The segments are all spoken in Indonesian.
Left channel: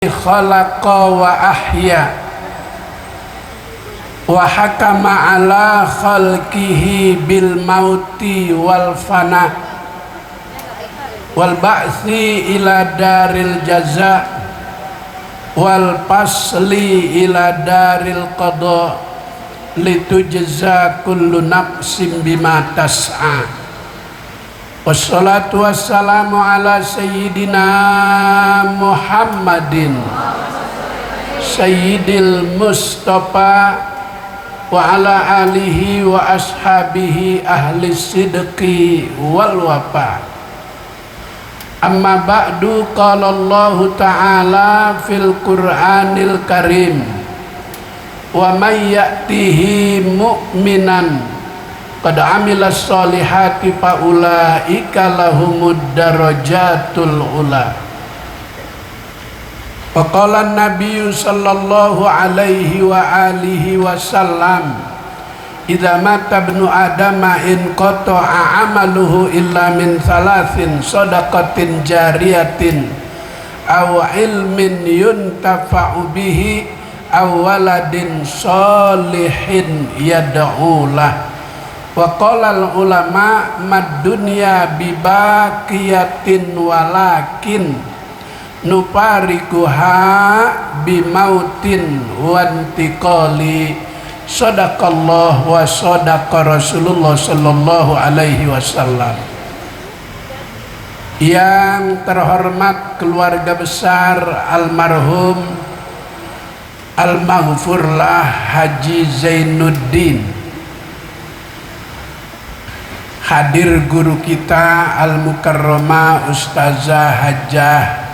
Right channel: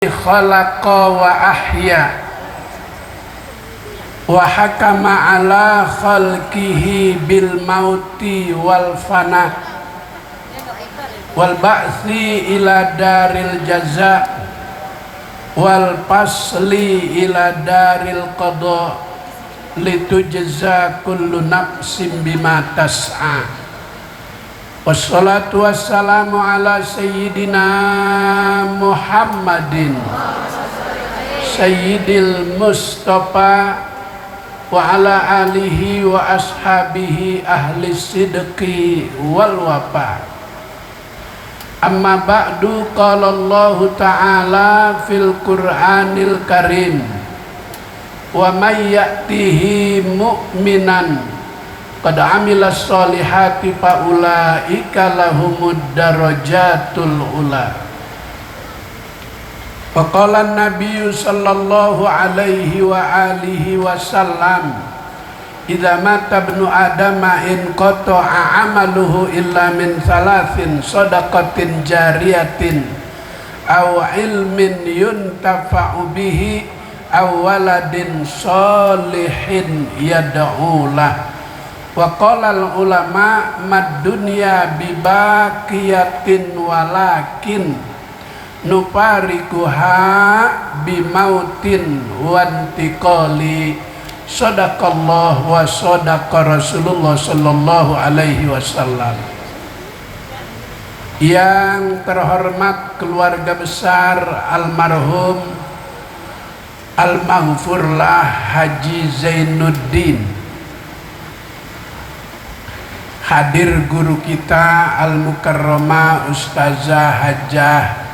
khalaqa wa ahya wa hakama ala khalqihi bil mauti wal fana wal ba'thi ila daril jaza wal pasli ila daril qada litujza kullu nafsin bima tas'a. Wassalatu wassalamu ala sayyidina Muhammadin sayyidil Mustafa wa ala alihi wa ashabihi ahli sidqi wal wafa. Amma ba'du, qala Allah ta'ala fil Qur'anil Karim, wa may ya'tihi mu'minan qad amilas solihati faulaika lahumud darajatul ula. Wa qala an-nabiyyu sallallahu alaihi wa alihi wasallam, idza mata ibnu adama in qata'a amaluhu illa min thalathin, shadaqatin jariyatin aw ilmin yuntafa'u bihi aw waladin sholihin yad'u lah. Wa qala ulama mad dunya bibaqiyatin walakin nuparikuha bimautin wantiqali. Sadaqallah wa sadaqa Rasulullah sallallahu alaihi wasallam. Yang terhormat keluarga besar almarhum Al-Maghfurlah Haji Zainuddin, hadir guru kita Al-Mukarramah Ustazah Hajjah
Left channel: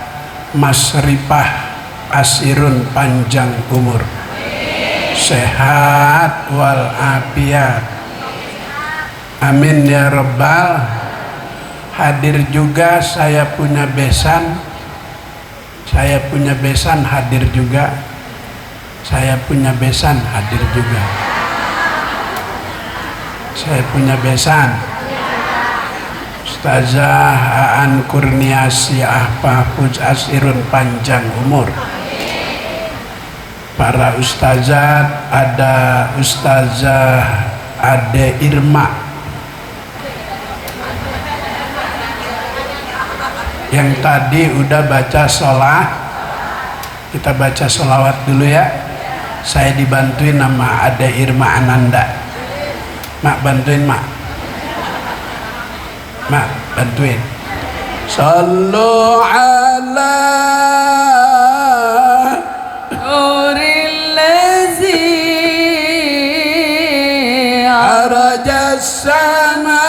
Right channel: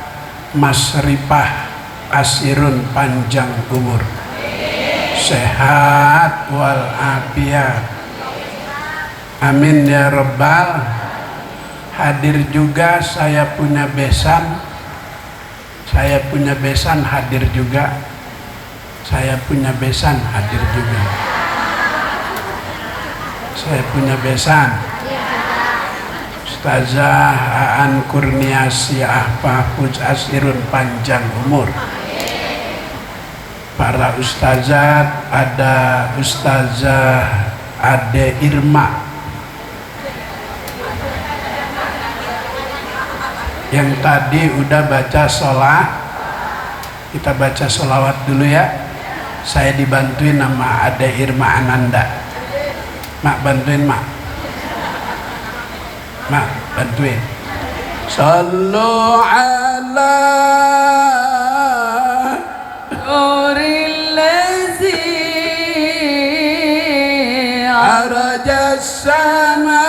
Masrifah Asirun, panjang umur, sehat wal afiat, amin ya rabbal. Hadir juga saya punya besan hadir juga, saya punya besan hadir juga, saya punya besan. Ustazah Aan Kurniasiah Mahfuz Asirun, panjang umur. Para ustazat, ada Ustazah Ade Irma yang tadi udah baca sholat. Kita baca sholawat dulu ya. Saya dibantuin sama Ade Irma Ananda. Mak bantuin mak. Mak bantuin. Sallu ala nuril lazi arajas sama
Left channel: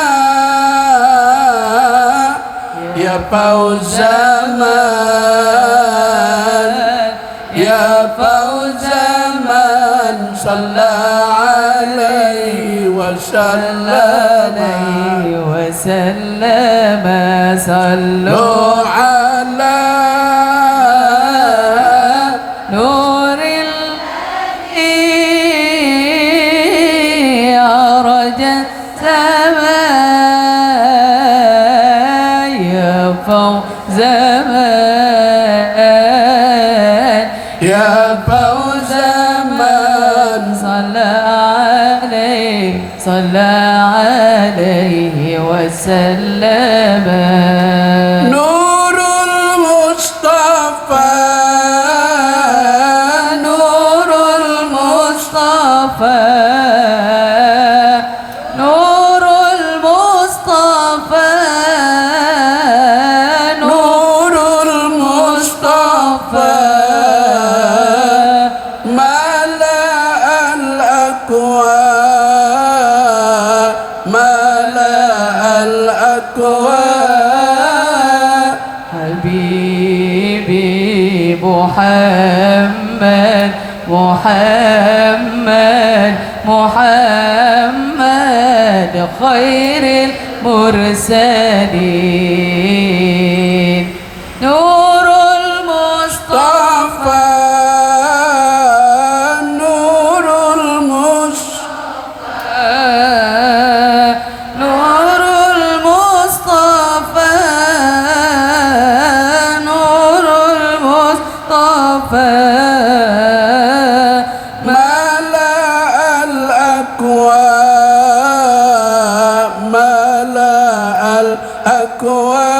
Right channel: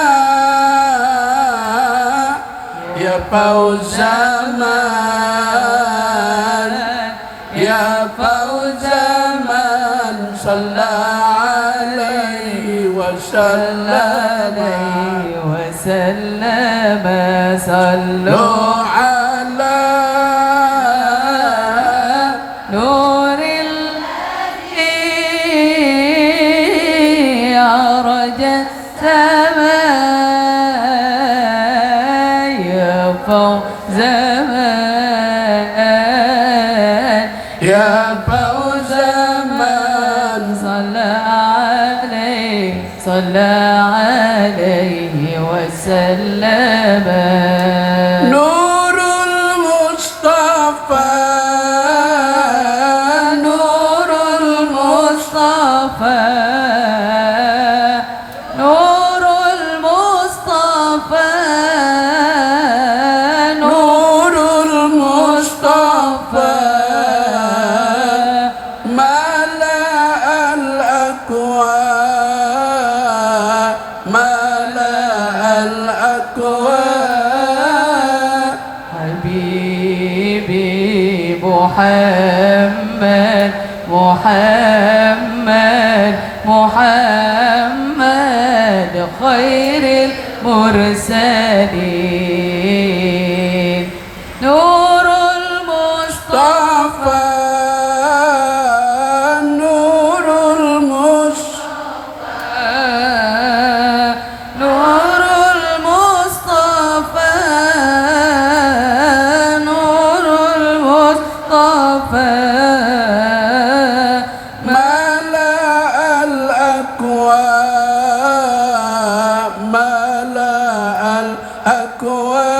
ya fauzaman ya fauzaman sallallahu alaihi wasallam sallu ala nuril arajat sama ya fauzaman ya fauzaman sallallahu alaihi wasallam. Nurul Mustafa, Nurul Mustafa, Nurul Mustafa, Nurul Mustafa, mala al-aqwa, Habibi Muhammad, Muhammad, Muhammad, khairil mursalin. Nurul Mustafa, Nurul Mustafa, Nurul Mustafa, Nurul Mustafa. المصطفى ملأ الأكوان ملأ الأكوان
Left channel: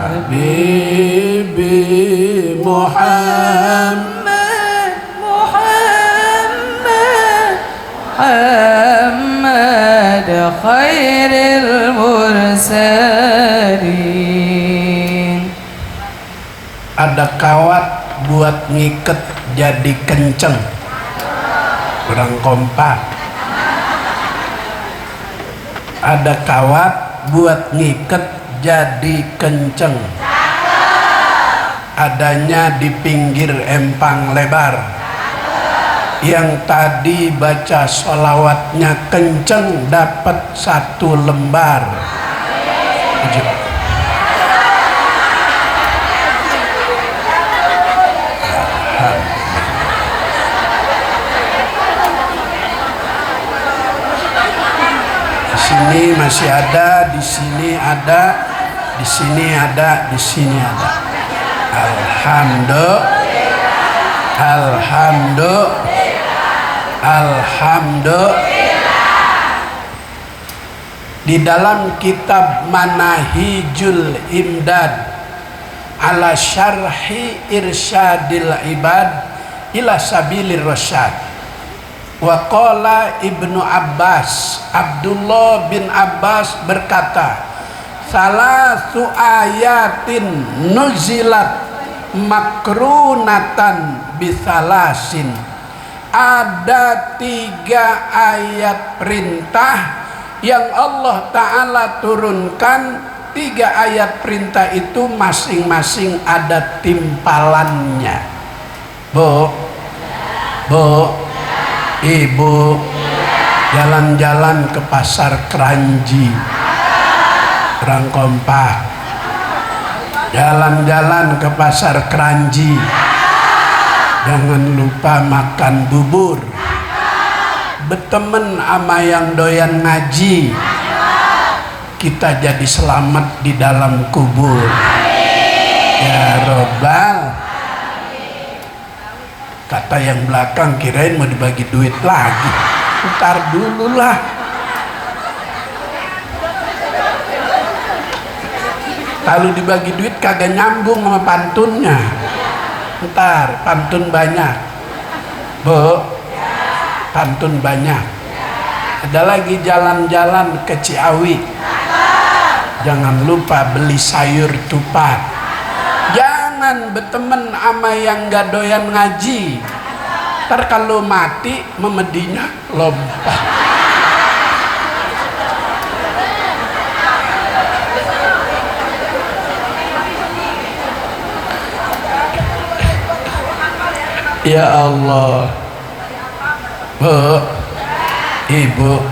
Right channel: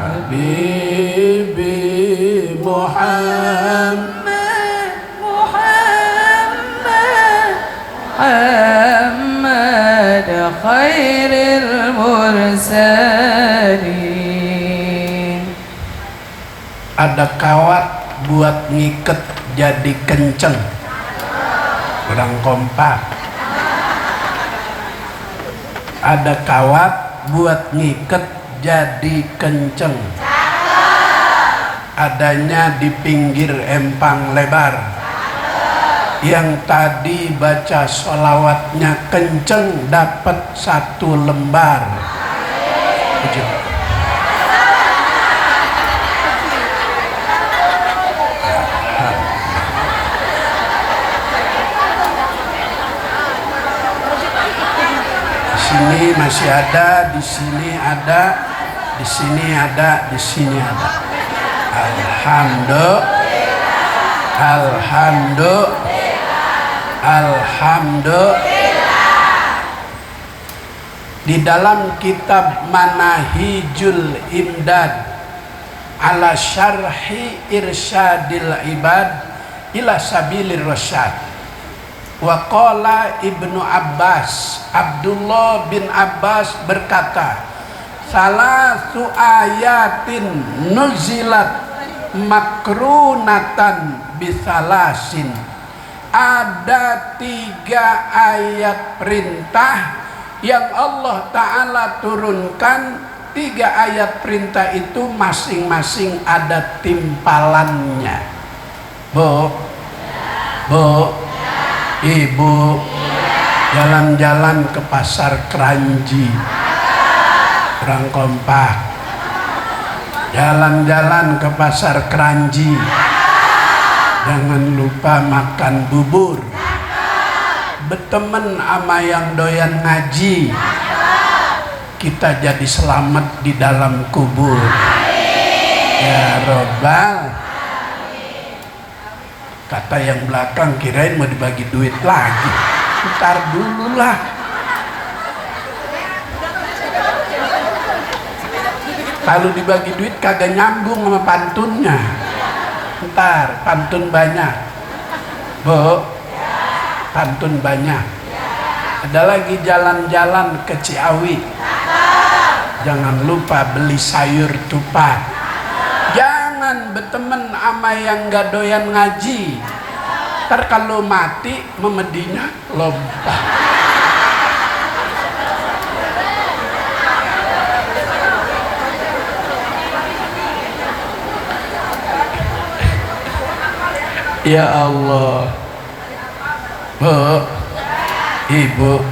حبيبي محمد محمد خير المرسلين. Ada kawat buat ngiket jadi kenceng, kurang kompak. Ada kawat buat ngiket jadi kenceng, adanya di pinggir empang lebar. Yang tadi baca sholawatnya kenceng dapat 1 lembar. Di sini masih ada, di sini ada, di sini ada, di sini ada. Alhamdulillah, alhamdulillah, alhamdulillah. Di dalam kitab Manahijul Imdad ala syarhi irsyadil ibad ila sabilir rasyad, wa qala Ibnu Abbas, Abdullah bin Abbas berkata, salasu ayatin nuzilat makrunatan bisalasin. Ada 3 ayat perintah yang Allah Ta'ala turunkan. 3 ayat perintah itu masing-masing ada timpalannya. Bu, ibu, jalan-jalan ke pasar Keranji, kurang kompak. Jalan-jalan ke pasar Keranji, jangan lupa makan bubur. Berteman sama yang doyan ngaji, kita jadi selamat di dalam kubur. Ya Robbal. Kata yang belakang kirain mau dibagi duit lagi. Ntar dulu lah. Kalau dibagi duit kagak nyambung sama pantunnya. Ntar pantun banyak. Bu, pantun banyak. Ada lagi jalan-jalan ke Ciawi, jangan lupa beli sayur tupat. Jangan berteman sama yang gak doyan ngaji. Ntar kalau mati memedinya lompat. Ya Allah. Bu, ibu,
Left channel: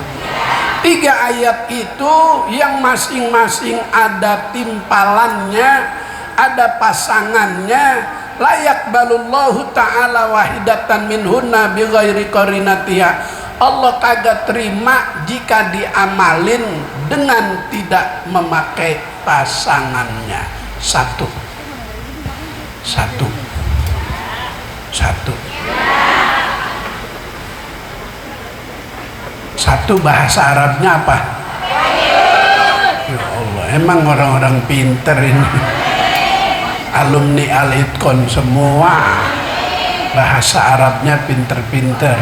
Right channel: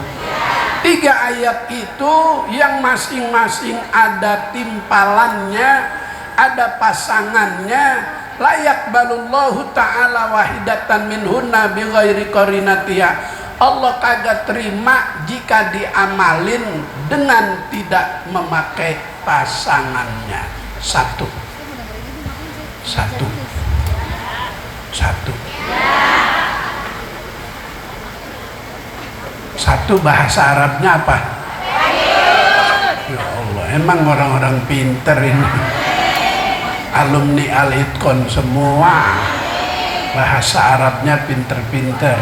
3 ayat itu yang masing-masing ada timpalannya, ada pasangannya. Layak balullahu ta'ala wahidatan minhunna bighairi qarinatiha. Allah kagak terima jika diamalin dengan tidak memakai pasangannya. Satu. Satu bahasa Arabnya apa? Ya Allah, emang orang-orang pinter ini. Alumni Al-Itqon semua bahasa Arabnya pinter-pinter.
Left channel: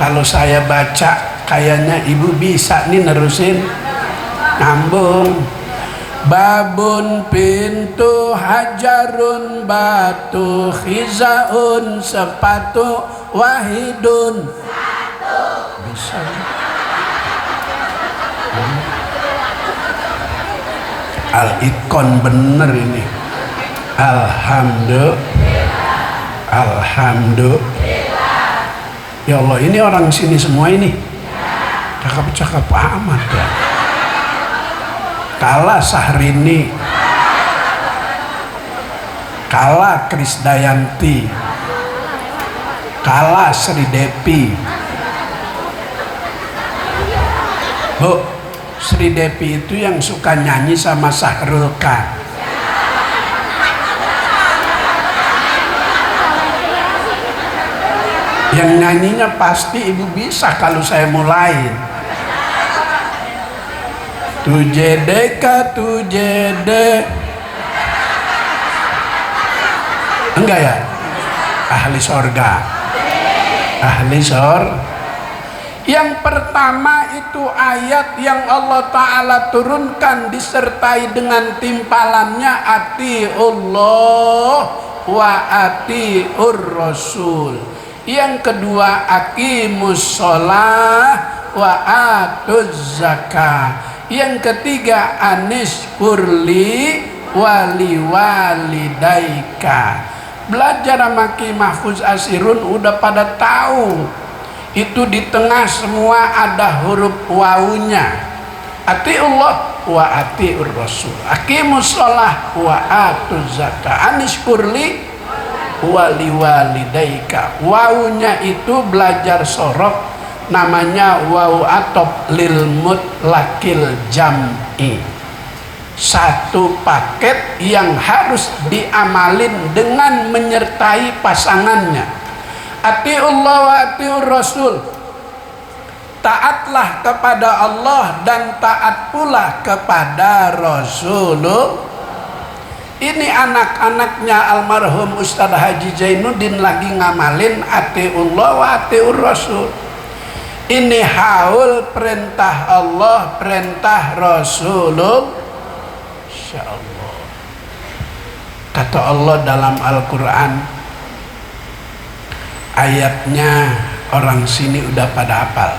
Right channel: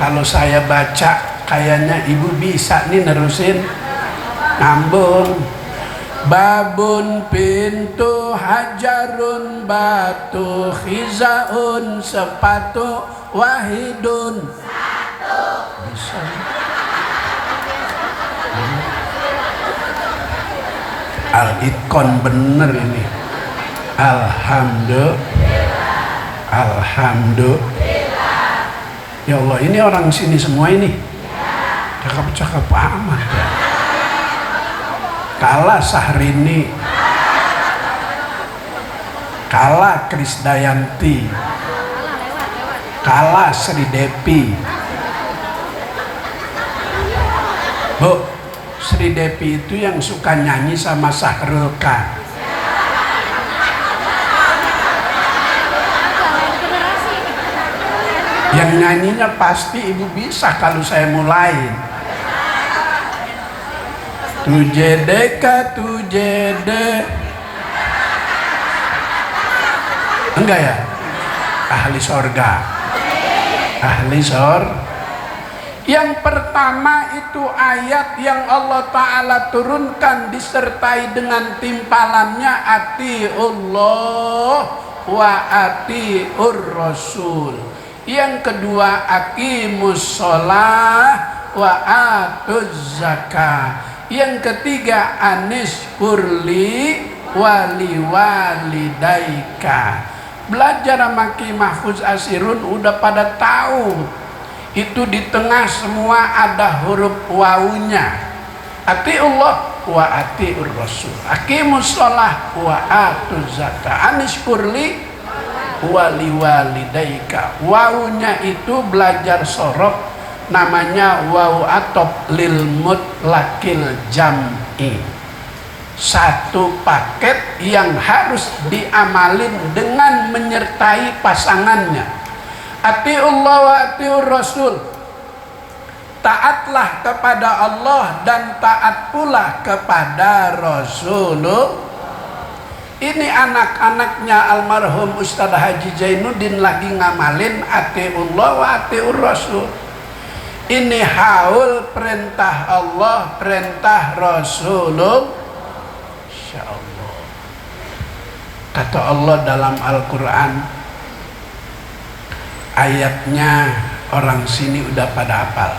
Kalau saya baca kayaknya ibu bisa nih nerusin, nyambung. Babun pintu, hajarun batu, khizaun sepatu, wahidun bisa. Al-Itqon bener ini. Alhamdulillah, alhamdulillah. Ya Allah, ini orang sini semua ini cakep-cakep amat ya. Kalah Sahrini, kalah Krisdayanti, kalah Sri Depi. Bu, Sri Depi itu yang suka nyanyi sama Sahrul K. Yang nyanyinya pasti ibu bisa kalau saya mulai. Tujedeka tujede. Enggak ya? Ahli sorga. Ahli sorga. Yang pertama itu ayat yang Allah Ta'ala turunkan disertai dengan timpalannya atiullah wa atiur rasul. Yang kedua aqimus sholah wa atuz zakah. Yang ketiga anis kurli wali walidaika. Belajar maki mahfuz asirun udah pada tahu. Itu di tengah semua ada huruf wawunya. Atiullah wa atiur rasul. Aqimus sholah wa atuz zakah. Anis kurli wali walidaika. Wawunya itu belajar sorok, namanya wawu atop lil mutlaqil jam'i. Satu paket yang harus diamalin dengan menyertai pasangannya. Atiullah wa atiur rasul. Taatlah kepada Allah dan taat pula kepada Rasulullah. Ini anak-anaknya almarhum Ustadz Haji Zainuddin lagi ngamalin atiullah wa atiur rasul. Ini haul perintah Allah, perintah Rasulullah. Insyaallah. Kata Allah dalam Al-Quran, ayatnya orang sini udah pada hafal.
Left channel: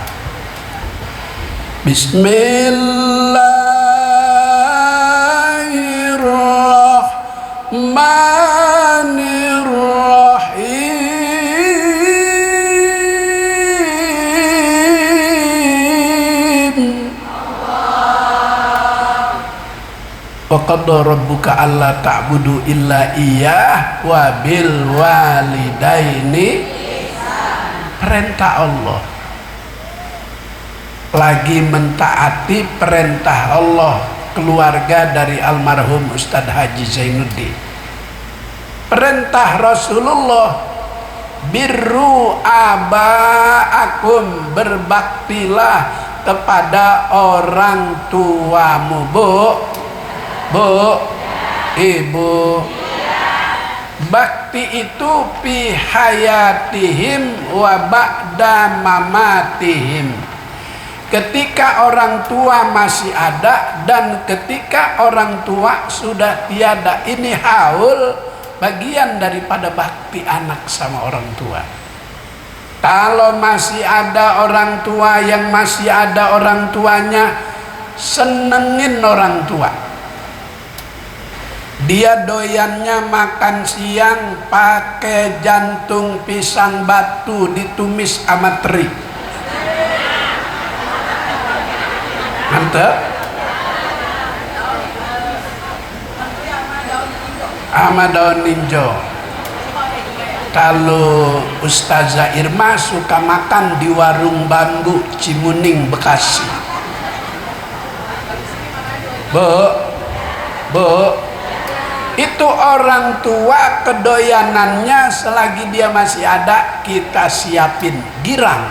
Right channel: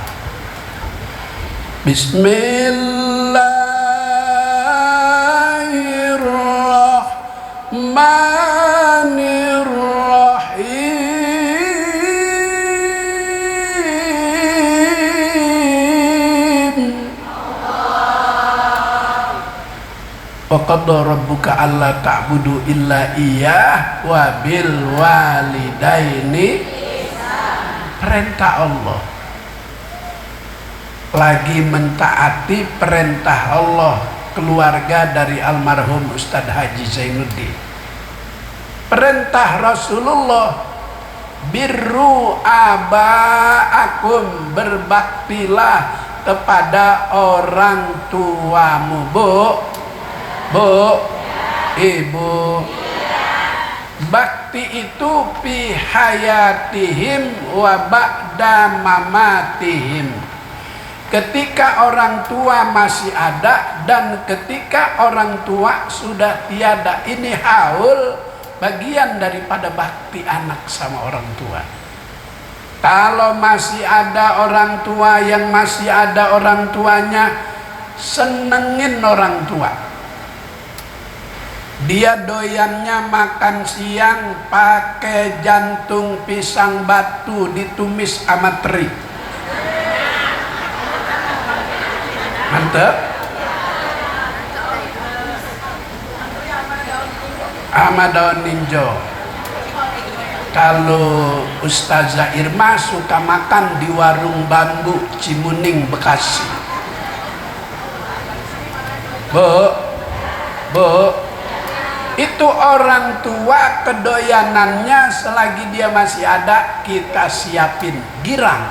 Bismillahirrahmanirrahim. Wa qadha rabbuka alla ta'budu illa iyyah wa bil walidaini. Perintah Allah, lagi mentaati perintah Allah keluarga dari almarhum Ustadz Haji Zainuddin. Perintah Rasulullah, birru abaakum, berbaktilah kepada orang tuamu. Bu, ibu. Bakti itu fi hayatihim wa ba'da mamatihim. Ketika orang tua masih ada dan ketika orang tua sudah tiada. Ini haul bagian daripada bakti anak sama orang tua. Kalau masih ada orang tua, yang masih ada orang tuanya, senengin orang tua. Dia doyannya makan siang pakai jantung pisang batu ditumis sama teri. Mantap. Sama daun ninjo. Kalau Ustazah Irma suka makan di warung bambu Cimuning, Bekasi. Bu, itu orang tua kedoyanannya selagi dia masih ada kita siapin girang.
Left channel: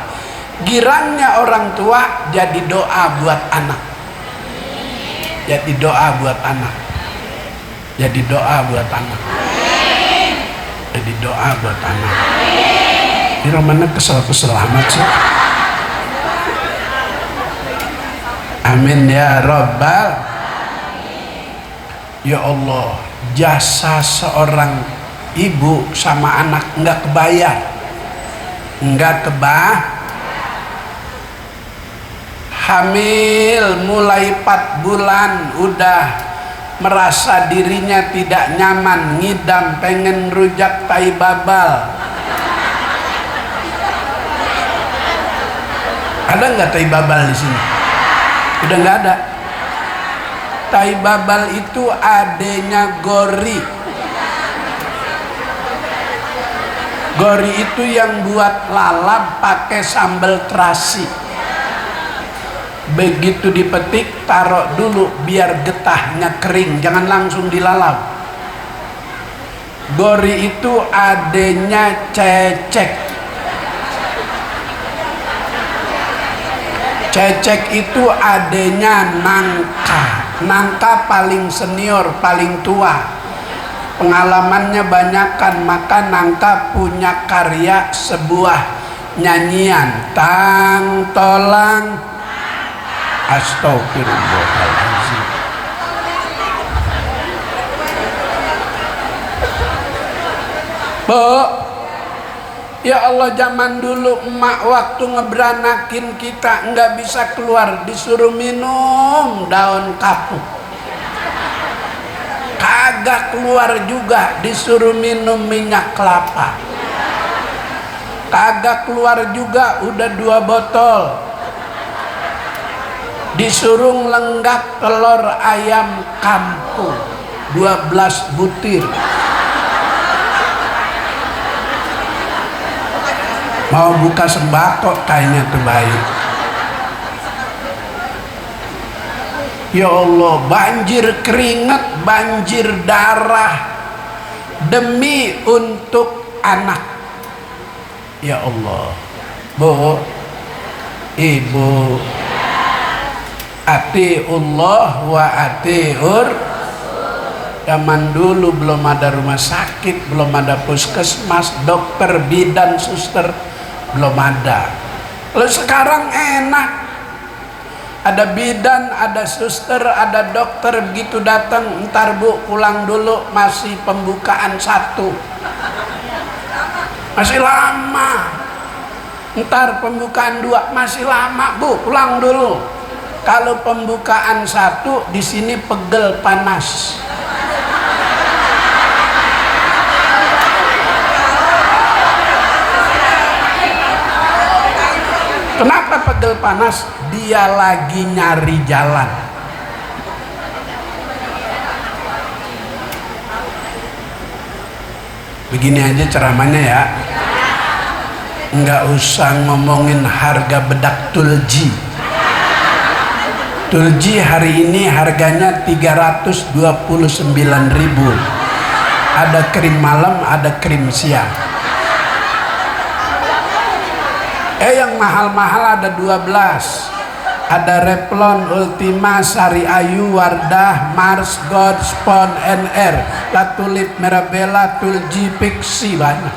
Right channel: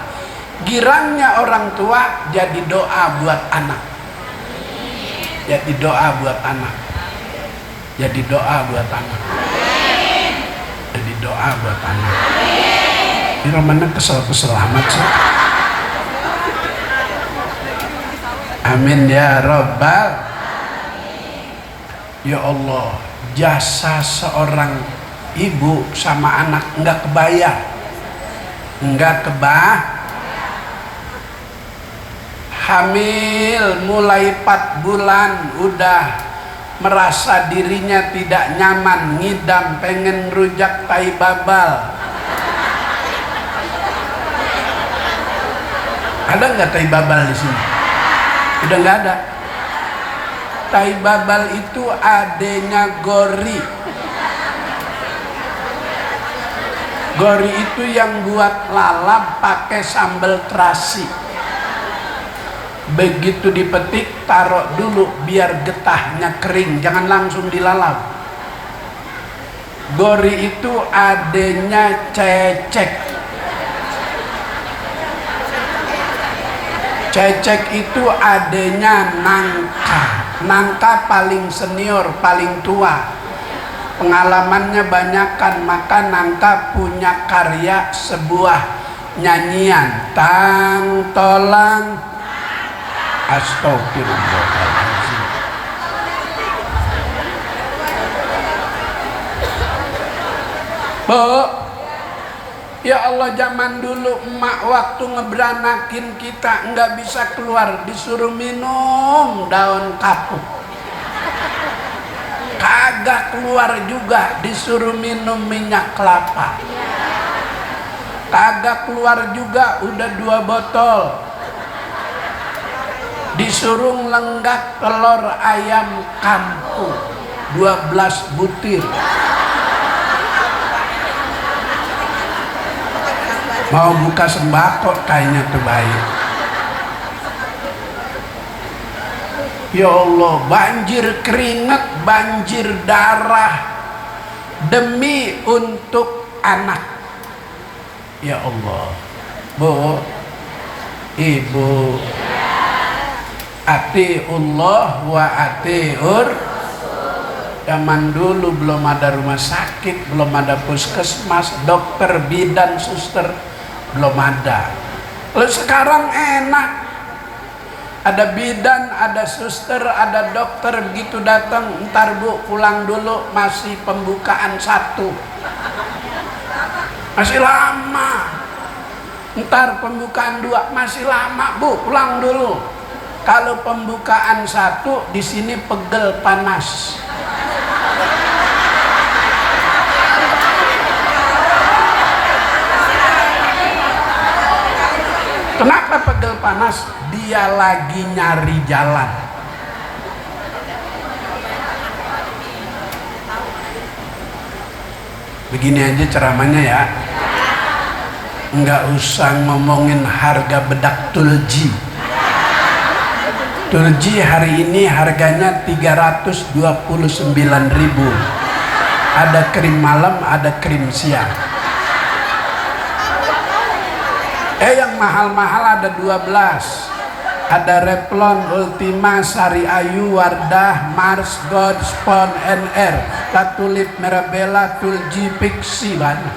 Girangnya orang tua jadi doa buat anak. Jadi doa buat anak. Jadi doa buat anak. Jadi doa buat anak. Ini mana kesel-kesel amat sih. Amin ya Rabbal. Ya Allah, jasa seorang ibu sama anak nggak kebayar, nggak hamil mulai 4 bulan udah merasa dirinya tidak nyaman, ngidam, pengen rujak tai babal. Ada nggak tai babal di sini? Udah nggak ada. Tai babal itu adenya gori. Gori itu yang buat lalap pakai sambal terasi. Begitu dipetik, taruh dulu biar getahnya kering, jangan langsung dilalap. Gori itu adenya cecek. Cecek itu adanya Nangka. Nangka paling senior, paling tua, pengalamannya banyakkan, maka Nangka punya karya sebuah nyanyian, tang tolang astagfirullahaladzim. Bu, ya Allah, zaman dulu emak waktu ngeberanakin kita nggak bisa keluar, disuruh minum daun kapuk. Kagak keluar juga, disuruh minum minyak kelapa. Kagak keluar juga, udah 2 botol. Disuruh lenggak telur ayam kampung 12 butir. Mau buka sembako kayaknya tuh bayi. Ya Allah, banjir keringat, banjir darah demi untuk anak. Ya Allah, Bu, Ibu, atiullah wa atiur. Zaman dulu belum ada rumah sakit, belum ada puskesmas, dokter, bidan, suster, belum ada. Lalu sekarang enak, ada bidan, ada suster, ada dokter, begitu datang, ntar Bu pulang dulu, masih pembukaan 1, masih lama. Ntar pembukaan 2 masih lama, Bu pulang dulu. Kalau pembukaan 1 di sini pegel panas. Kenapa pegel panas? Dia lagi nyari jalan. Begini aja ceramahnya ya. Nggak usah ngomongin harga bedak Tulji. Tulji hari ini harganya 329.000. Ada krim malam, ada krim siang. Yang mahal-mahal ada 12. Ada Revlon, Ultima, Sari Ayu, Wardah, Mars, God, Spon, NR, Latulip, Mirabella, Tulji, Pixi, banyak.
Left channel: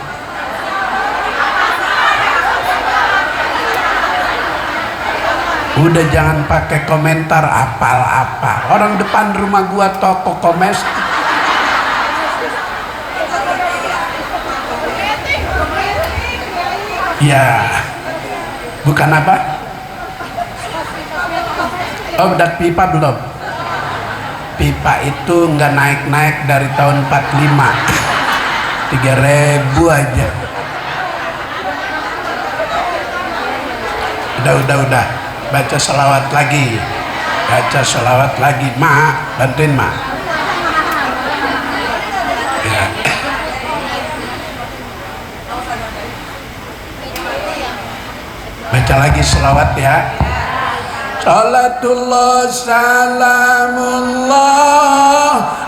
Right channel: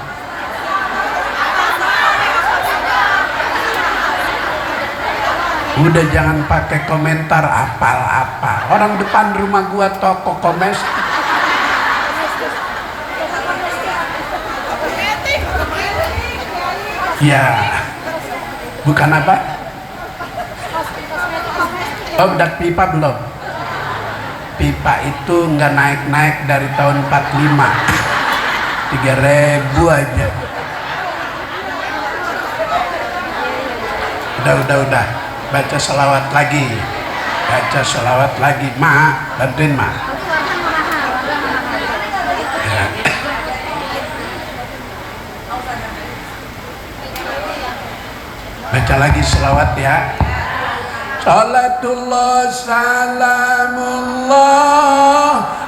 Udah jangan pakai komentar apa-apa. Orang depan rumah gua toko komes. Ya, bukan apa? Oh, udah pipa belum? Pipa itu nggak naik-naik dari tahun 45. 3.000 aja. Udah. Baca selawat lagi. Baca selawat lagi. Ma, bantuin Ma. Ya. Baca lagi selawat ya. Salatullah salamullah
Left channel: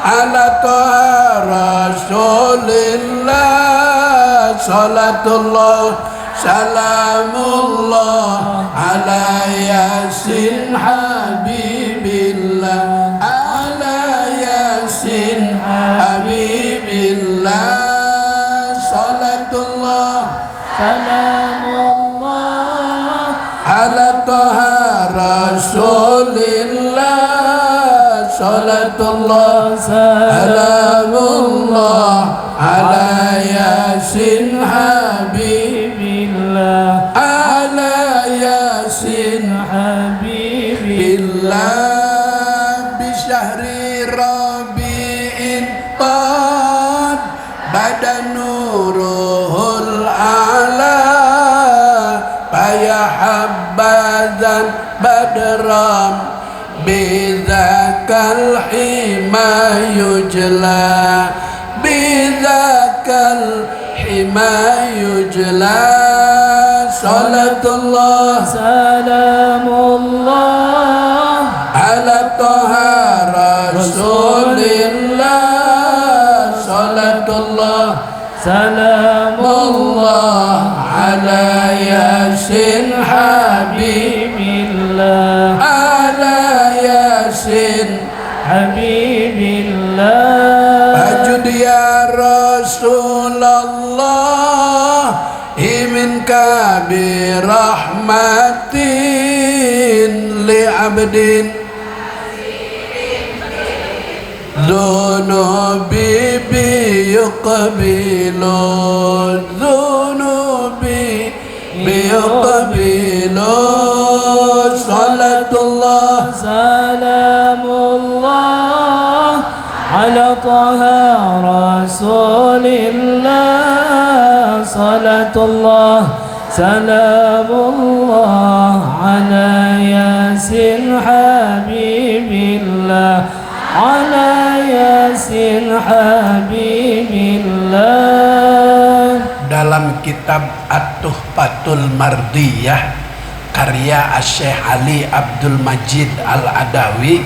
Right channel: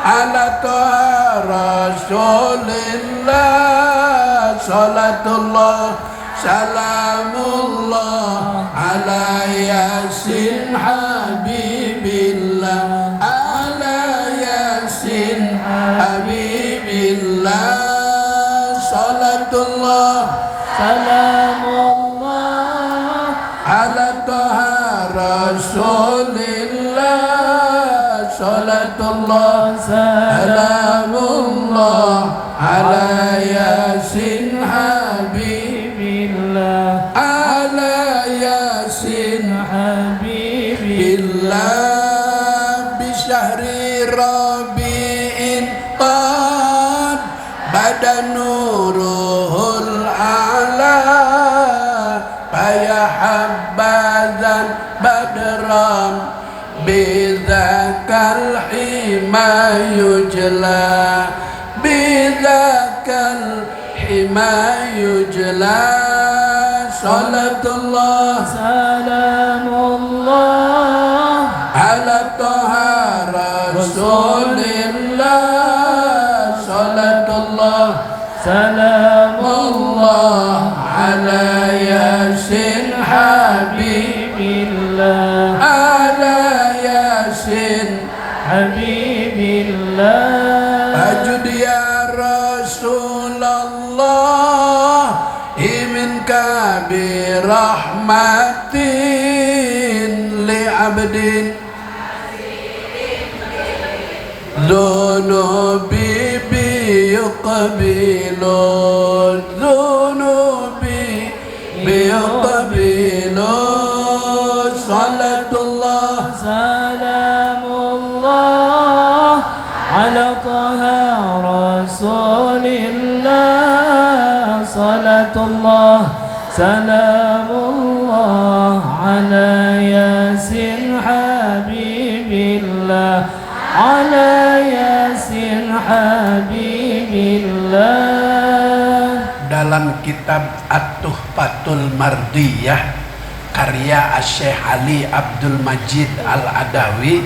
ala taha rasulillah. Salatullah salamullah ala yasin habibillah. Ala yasin habibillah. Salatullah salamullah ala taha rasulillah. Salatullah salamullah ala yasin habibillah. Ala yasin habibillah. Bisyahri rabi'in qad badanuruhul ala. Faya habbazan badram bidzakal hima yujla. Bidzakal hima yujla. Salatullah salamullah ala taha rasulillah. Salatullah salamullah ala yasin habibillah. Rasulullah minka birahmatin li abdin dhunubi biyuqbilu dhunubi biyuqbilu salatullah salamullah ala taha rasulillah salatullah salamullah ala yasin habibillah ala yasin habibillah. Dalam kitab At-Tuhfatul Mardiyah karya Syekh Ali Abdul Majid Al-Adawi,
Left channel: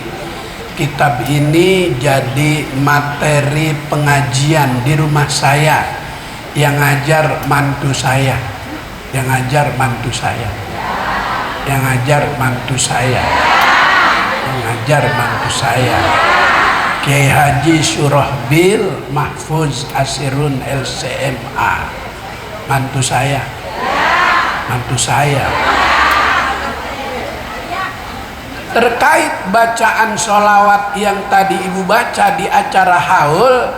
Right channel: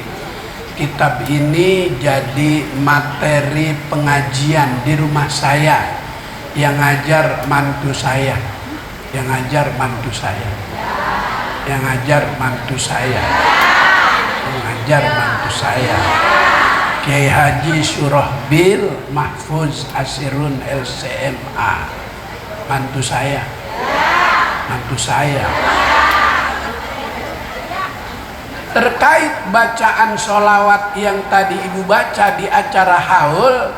kitab ini jadi materi pengajian di rumah saya, yang ngajar mantu saya, yang ngajar mantu saya, yang ngajar mantu saya, yang ngajar mantu saya, Kiai Haji Surahbil Mahfuz Asirun LCMA, mantu saya, mantu saya. Terkait bacaan sholawat yang tadi ibu baca di acara haul,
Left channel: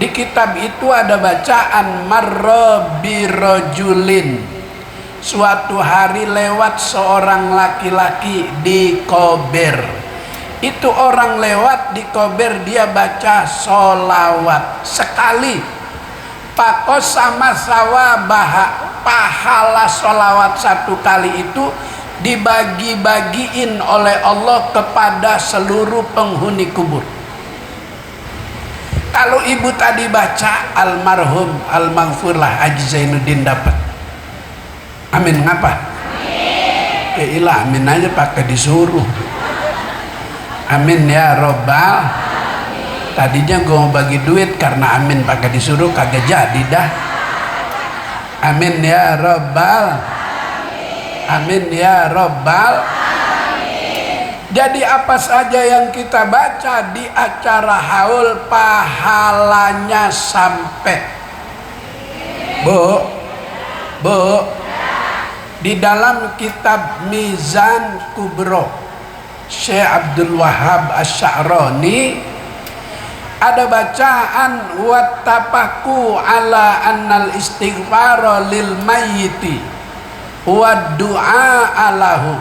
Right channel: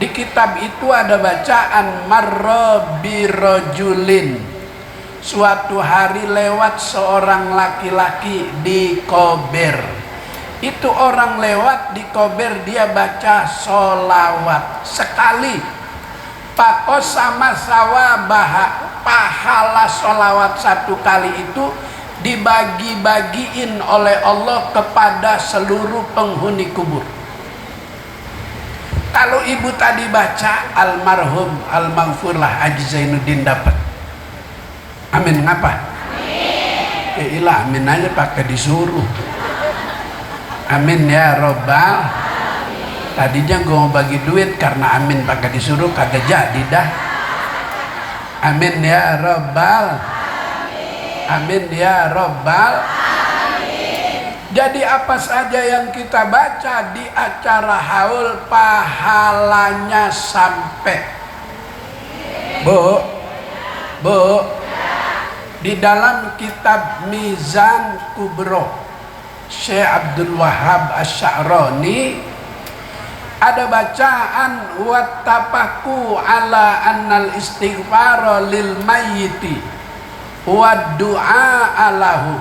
di kitab itu ada bacaan marra birojulin, suatu hari lewat seorang laki-laki di kober. Itu orang lewat di kober, dia baca sholawat sekali. Pakos sama sawabaha, pahala sholawat satu kali itu dibagi-bagiin oleh Allah kepada seluruh penghuni kubur. Kalau ibu tadi baca almarhum almaghfurlah Haji Zainuddin dapat. Amin ngapa? Amin. Ya ilah, amin aja pakai disuruh. Amin ya robbal. Tadinya gue mau bagi duit, karena amin pakai disuruh kagak jadi dah. Amin ya robbal. Amin ya robbal. Jadi apa saja yang kita baca di acara haul pahalanya sampai. Bu, di dalam kitab Mizan Kubro Syekh Abdul Wahab Asy'arani ada bacaan wattafaku ala annal istighfara lil mayyiti wa du'a alahu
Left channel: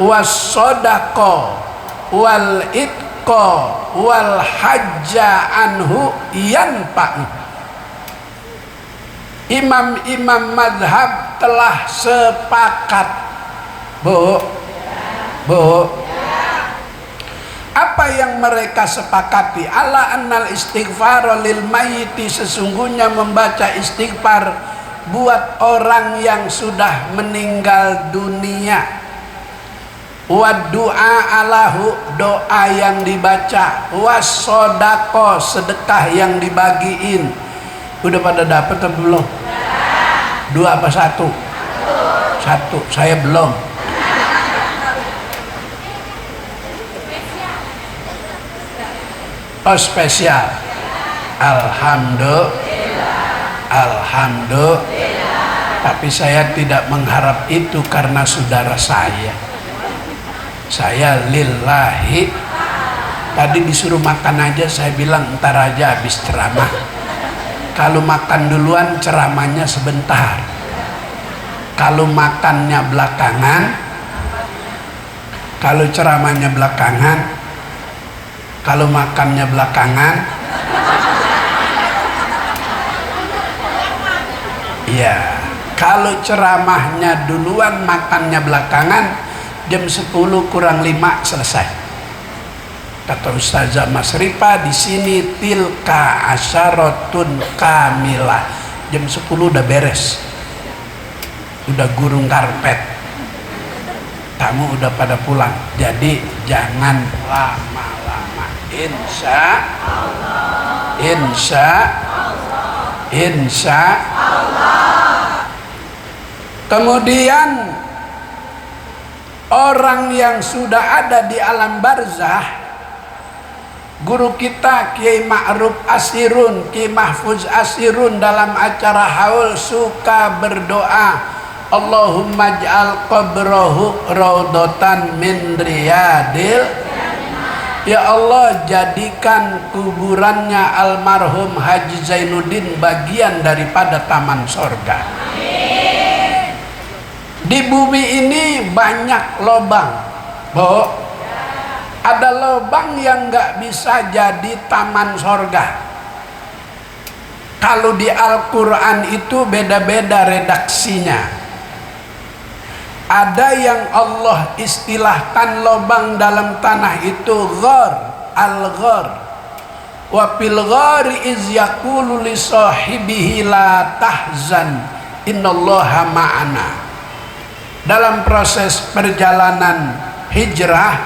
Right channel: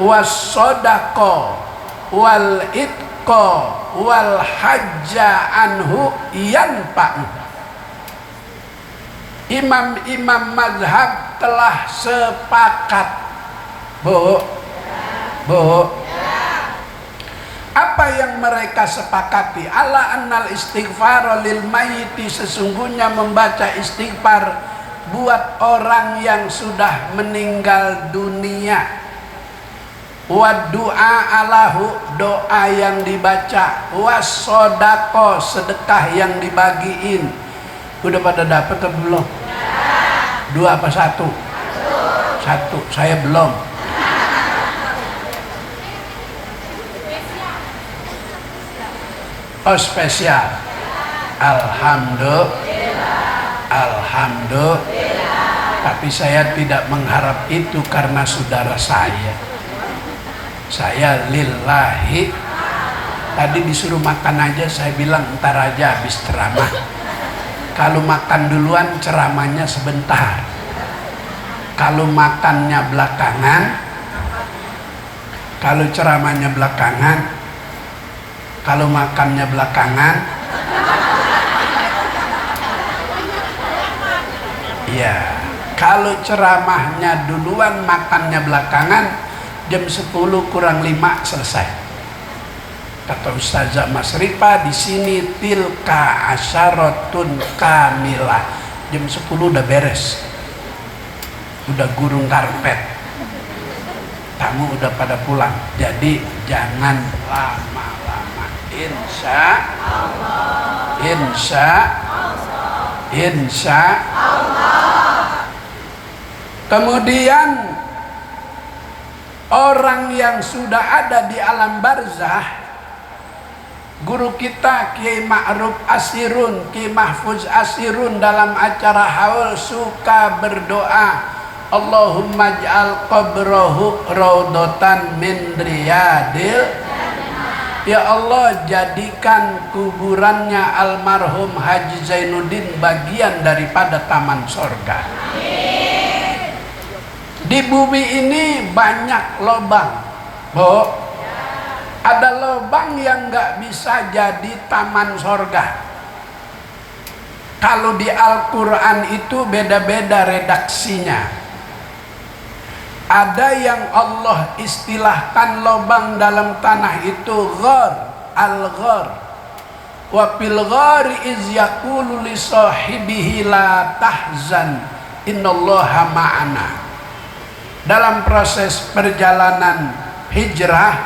was sodako wal itqo wal hajja anhu yanfa'u. Imam-imam madhab telah sepakat. Bu, apa yang mereka sepakati? Ala annal istighfar lil mayyiti, sesungguhnya membaca istighfar buat orang yang sudah meninggal dunia. Wa du'a alahu, doa yang dibaca. Was sodako, sedekah yang dibagiin. Udah pada dapet atau belum? Dua apa satu? Satu, saya belum. Oh spesial. Alhamdulillah. Tapi saya tidak mengharap itu karena saudara saya. Saya lillahi. Tadi disuruh makan aja, saya bilang ntar aja habis ceramah. Kalau makan duluan ceramahnya sebentar. Kalau makannya belakangan, kalau ceramahnya belakangan, kalau makannya belakangan, ya, kalau ceramahnya duluan, makannya belakangan, jam 10 kurang 5 selesai. Kata Ustazah Mas Rifa di sini tilka asyaratun kamilah. Jam 10 udah beres. Udah gurung karpet. Tamu udah pada pulang. Jadi jangan lama-lama. Insya Allah. Kemudian orang yang sudah ada di alam barzah Guru kita Kiai Ma'ruf Asirun, Kiai Mahfuz Asirun dalam acara haul suka berdoa, Allahumma ja'al qabrahu raudhatan min riyadil. Ya Allah, jadikan kuburannya almarhum Haji Zainuddin bagian daripada taman sorga. Di bumi ini banyak lobang, Bu. Ada lobang yang nggak bisa jadi taman sorga. Kalau di Al-Quran itu beda-beda redaksinya. Ada yang Allah istilahkan lobang dalam tanah itu ghar, al-ghar. Wa fil ghari iz yaqulu li sahibihi la tahzan innallaha ma'ana. Dalam proses perjalanan hijrah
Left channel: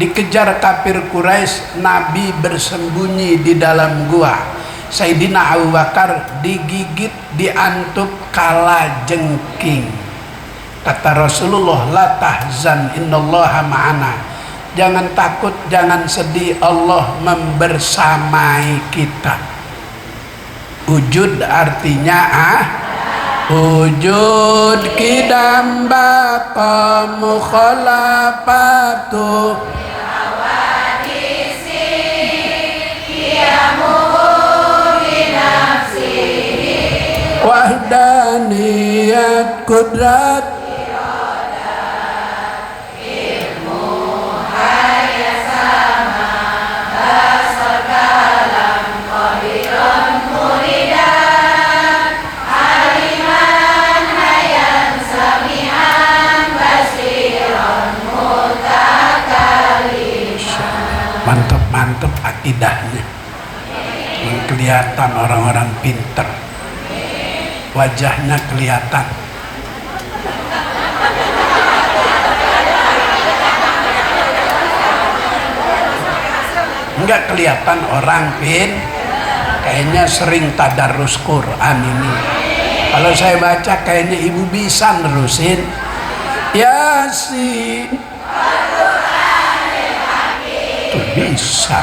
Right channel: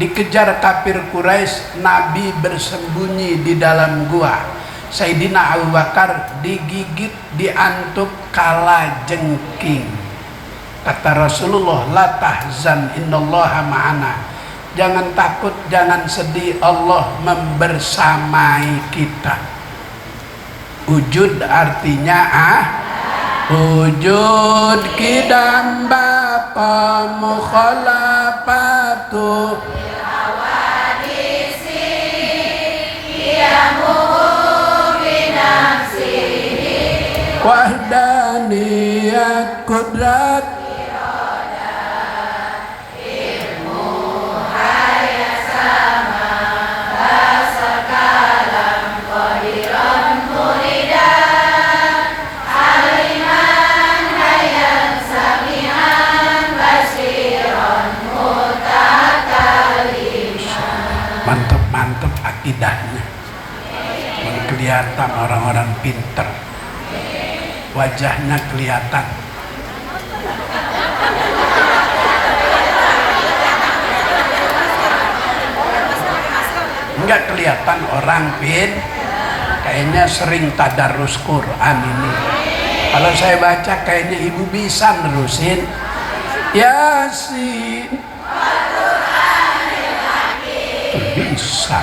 dikejar kafir Quraisy, Nabi bersembunyi di dalam gua. Sayyidina Abu Bakar digigit, diantuk kala jengking. Kata Rasulullah, la tahzan innallaha ma'ana. Jangan takut, jangan sedih, Allah membersamai kita. Wujud artinya wujud kidam bapa mukhalafatu wahdaniyat kudrat mantap akidahnya. Kelihatan orang-orang pinter, wajahnya kelihatan. Enggak kelihatan orang kayaknya sering tadarus Quran ini. Kalau saya baca kayaknya ibu bisa nerusin Yasin. Bisa.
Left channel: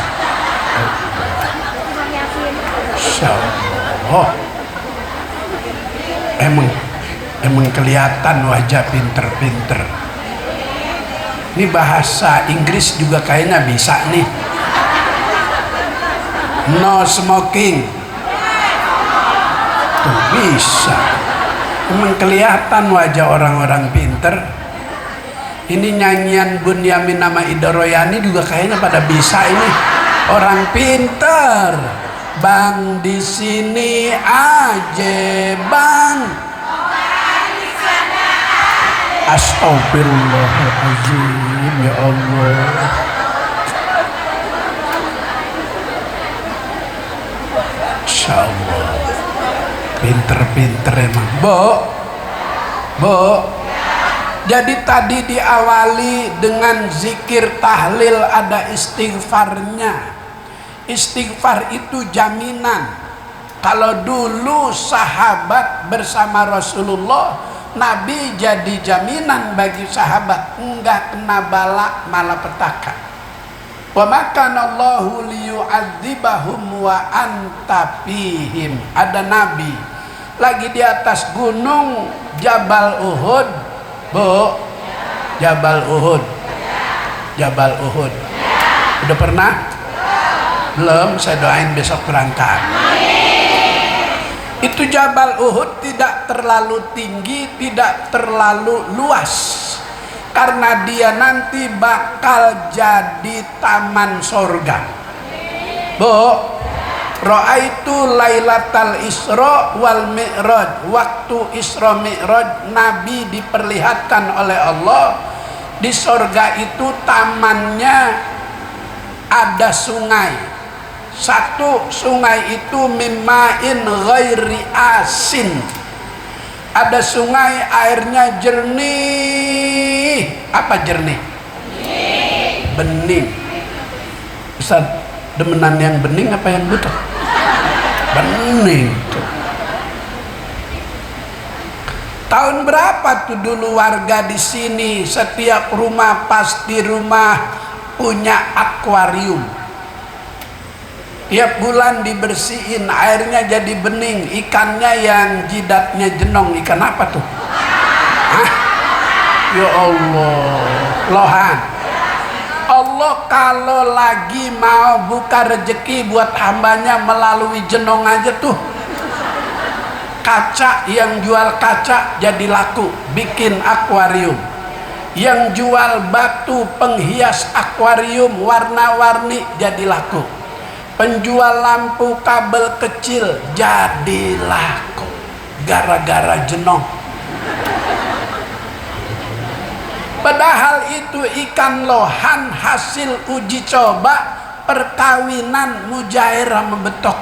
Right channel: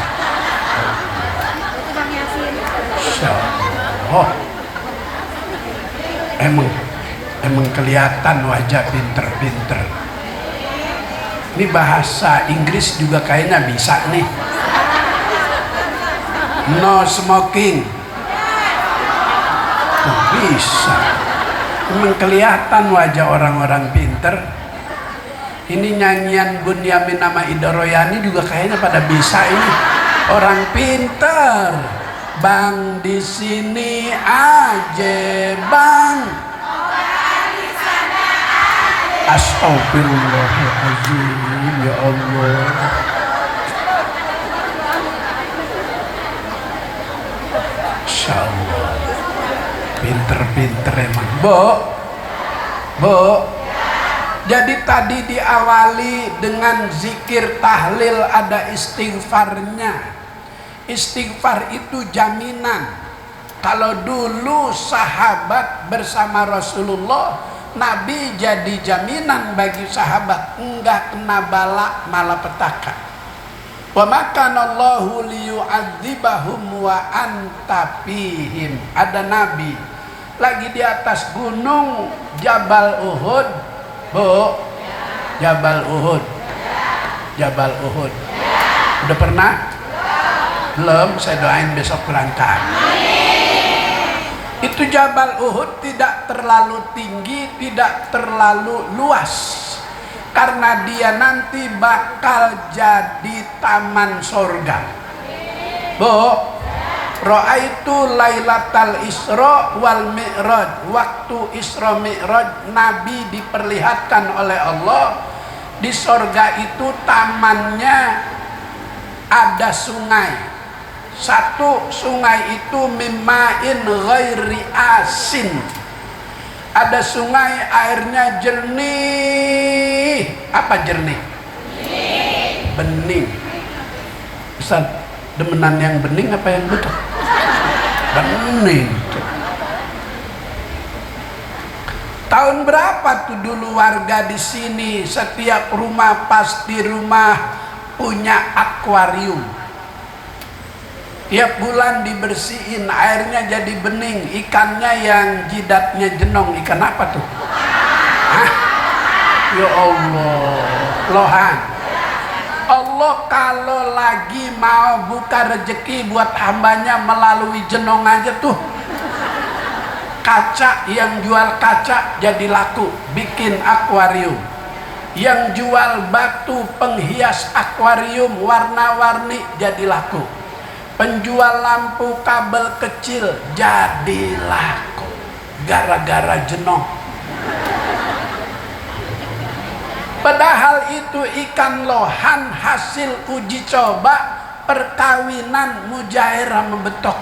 Oh, emang kelihatan wajah pinter-pinter. Ini bahasa Inggris juga kayaknya bisa nih. No smoking. Tuh, bisa. Emang kelihatan wajah orang-orang pinter. Ini nyanyian Bunyamin nama Ida Royani juga kayaknya pada bisa ini. Orang pinter. Bang di sini aja, Bang. Astagfirullahaladzim, ya Allah. Insya Allah. Pinter-pinter emang. Bo. Jadi tadi diawali dengan zikir tahlil, ada istighfarnya. Istighfar itu jaminan. Kalau dulu sahabat bersama Rasulullah, Nabi jadi jaminan bagi sahabat, enggak kena bala malapetaka. Wa makanallahu liyu'adzibahum wa anta fihim. Ada Nabi lagi di atas gunung Jabal Uhud, Bu. Jabal Uhud. Udah pernah? Belum, saya doain besok berangkat. Itu Jabal Uhud tidak terlalu tinggi, tidak terlalu luas, karena dia nanti bakal jadi taman sorga. Bu, Ra'aitu lailatal Isra wal Mi'raj. Waktu Isra Mi'raj Nabi diperlihatkan oleh Allah di sorga itu tamannya ada sungai. Satu sungai itu mimma'in ghairi asin. Ada sungai airnya jernih. Apa jernih? Bening. Ustaz, demenan yang bening apa yang butuh? Bening. Tahun berapa tuh dulu warga di sini setiap rumah pasti rumah punya akuarium. Tiap bulan dibersihin, airnya jadi bening, ikannya yang jidatnya jenong. Ikan apa tuh? Hah? Ya Allah, lohan. Allah kalau lagi mau buka rezeki buat hambanya melalui jenong aja tuh. Kaca, yang jual kaca jadi laku, bikin akuarium. Yang jual batu penghias akuarium warna-warni jadi laku. Penjual lampu kabel kecil jadi laku gara-gara jenong. Padahal itu ikan lohan hasil uji coba perkawinan mujairah membetok.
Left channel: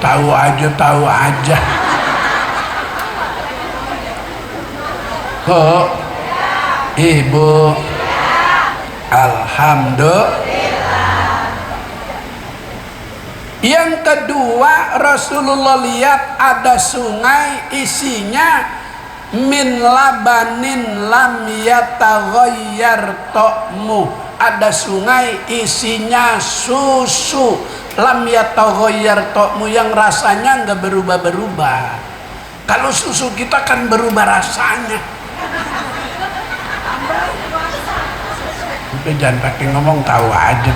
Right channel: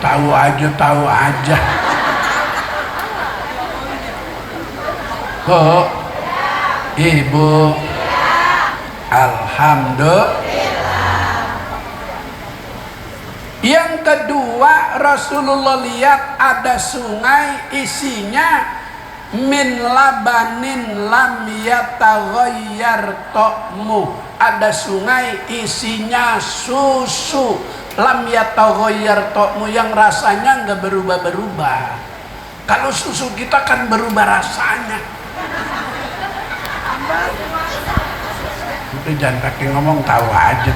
Tahu aja. Kok Ibu, alhamdulillah. Yang kedua, Rasulullah lihat ada sungai isinya min labanin lam yataghayyar ta'mu. Ada sungai isinya susu lam yataghayyar ta'mu, yang rasanya nggak berubah-berubah. Kalau susu kita kan berubah rasanya. Udah jangan pakai ngomong, tahu aja.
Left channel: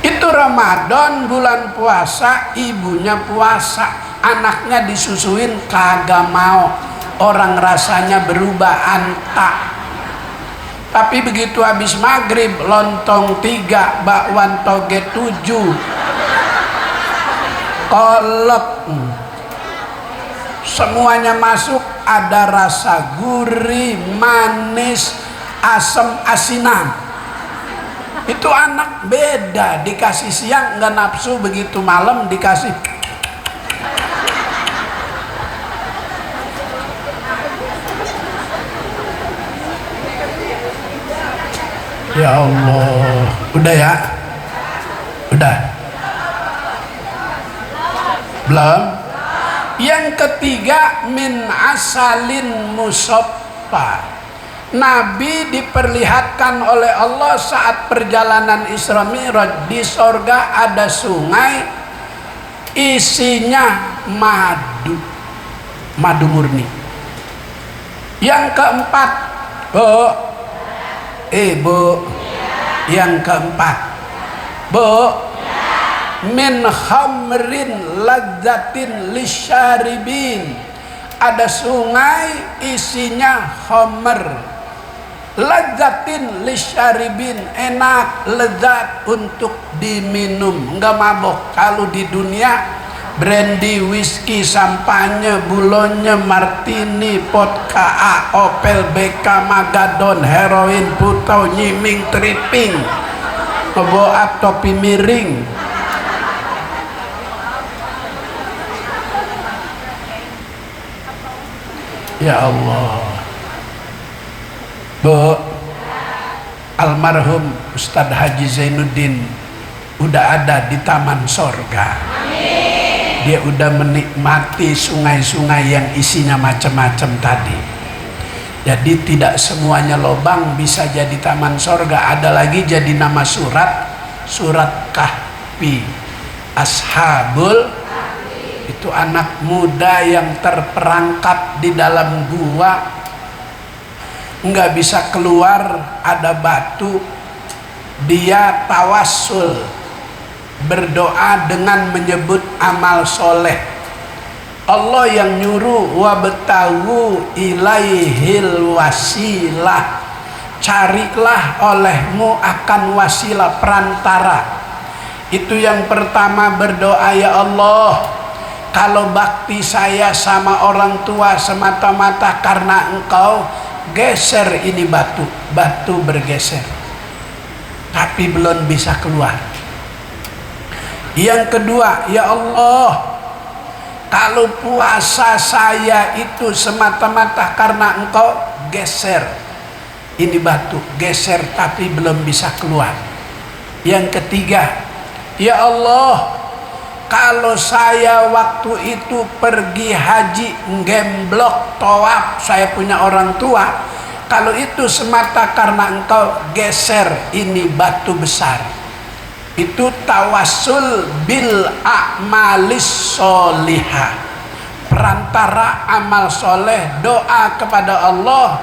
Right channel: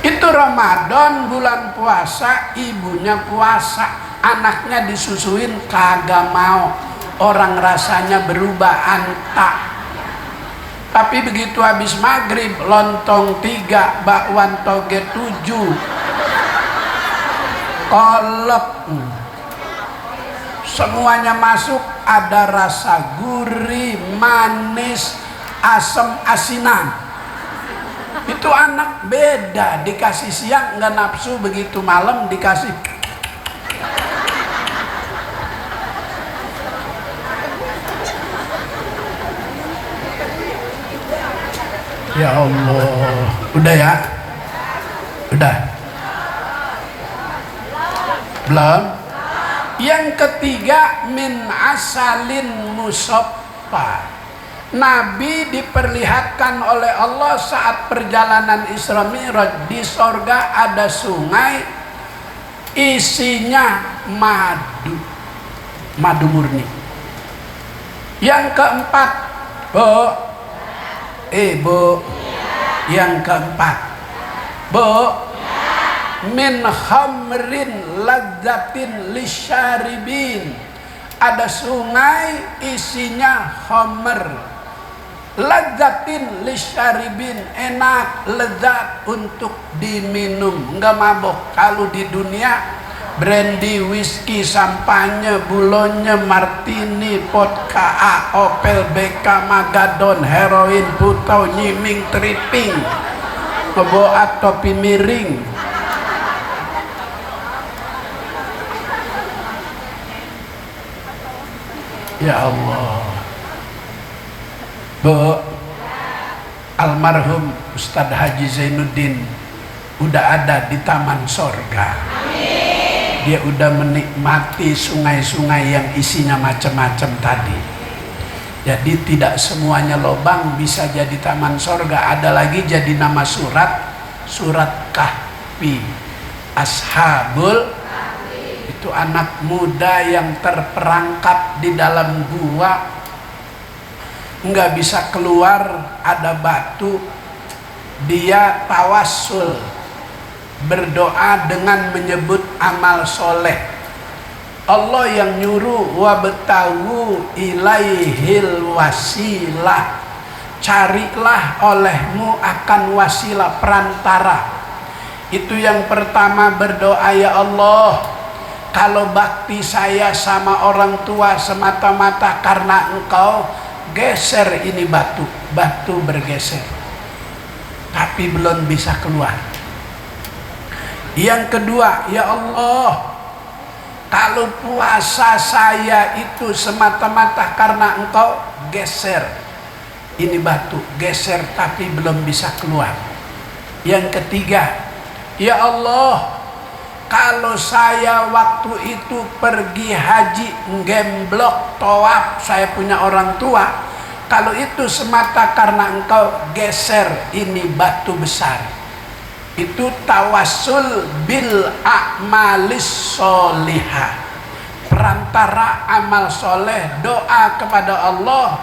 Itu Ramadan, bulan puasa, ibunya puasa, anaknya disusuin kagak mau. Orang rasanya berubah antak. Tapi begitu habis maghrib, lontong 3, bakwan toge 7, kolak, semuanya masuk, ada rasa gurih, manis, asam, asinan. Itu anak beda, dikasih siang nggak nafsu, begitu malam dikasih. Ya Allah, udah ya? Udah? Belum? Yang ketiga, min asalin musaffa. Nabi diperlihatkan oleh Allah saat perjalanan Isra Mi'raj, di sorga ada sungai isinya madu murni. Yang keempat, Bu, yang keempat, Bu, min khamrin ladzatin lisyaribin. Ada sungai isinya khamr, ladzatin lisyaribin, enak, lezat untuk diminum, enggak mabok. Kalau di dunia brandy, whisky, sampanye, bulonye, martini, vodka A, Opel, BK, Magadon, heroin, putau, nyiming, tripping, keboat, topi miring. Ya Allah. Bu, almarhum Ustadz Haji Zainuddin udah ada di taman sorga. Dia udah menikmati sungai-sungai yang isinya macam-macam tadi. Jadi tidak semuanya lobang bisa jadi taman sorga. Ada lagi jadi nama surat Kahfi. Ashabul, itu anak muda yang terperangkap di dalam gua, nggak bisa keluar, ada batu. Dia tawassul, berdoa dengan menyebut amal soleh. Allah yang nyuruh, wabtagu ilaihil wasilah, carilah olehmu akan wasilah, perantara. Itu yang pertama berdoa, ya Allah, kalau bakti saya sama orang tua semata-mata karena Engkau, geser ini batu bergeser, tapi belum bisa keluar. Yang kedua, ya Allah, kalau puasa saya itu semata-mata karena Engkau, geser ini batu, geser tapi belum bisa keluar. Yang ketiga, ya Allah, kalau saya waktu itu pergi haji ngemblok tawaf, saya punya orang tua, kalau itu semata karena engkau geser ini batu besar, itu tawassul bil a'malis sholihah, perantara amal soleh, doa kepada Allah,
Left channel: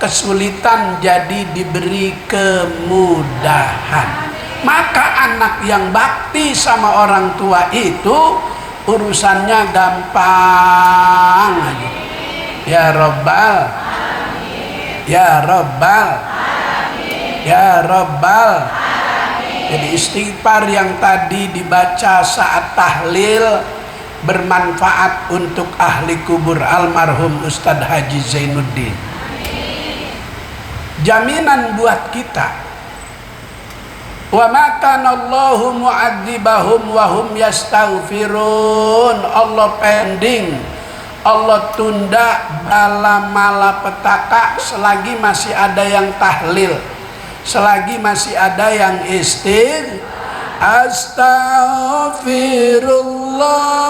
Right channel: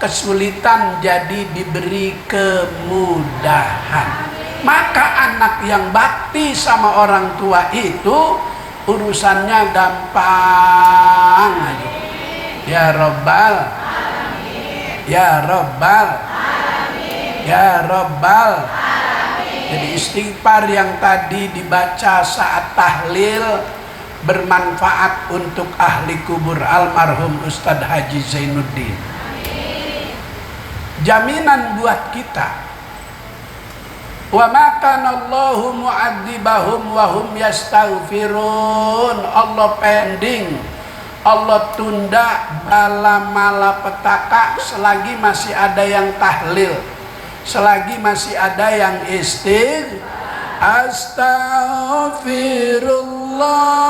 kesulitan jadi diberi kemudahan. Maka anak yang bakti sama orang tua itu urusannya gampang aja. Ya Rabbal Alamin. Ya Rabbal Alamin. Ya Rabbal Alamin. Jadi istighfar yang tadi dibaca saat tahlil bermanfaat untuk ahli kubur almarhum Ustadz Haji Zainuddin. Jaminan buat kita. Wa ma kana Allahu mu'adzibahum wa hum yastaghfirun. Allah pending, Allah tunda bala malapetaka selagi masih ada yang tahlil, selagi masih ada yang Astaghfirullah.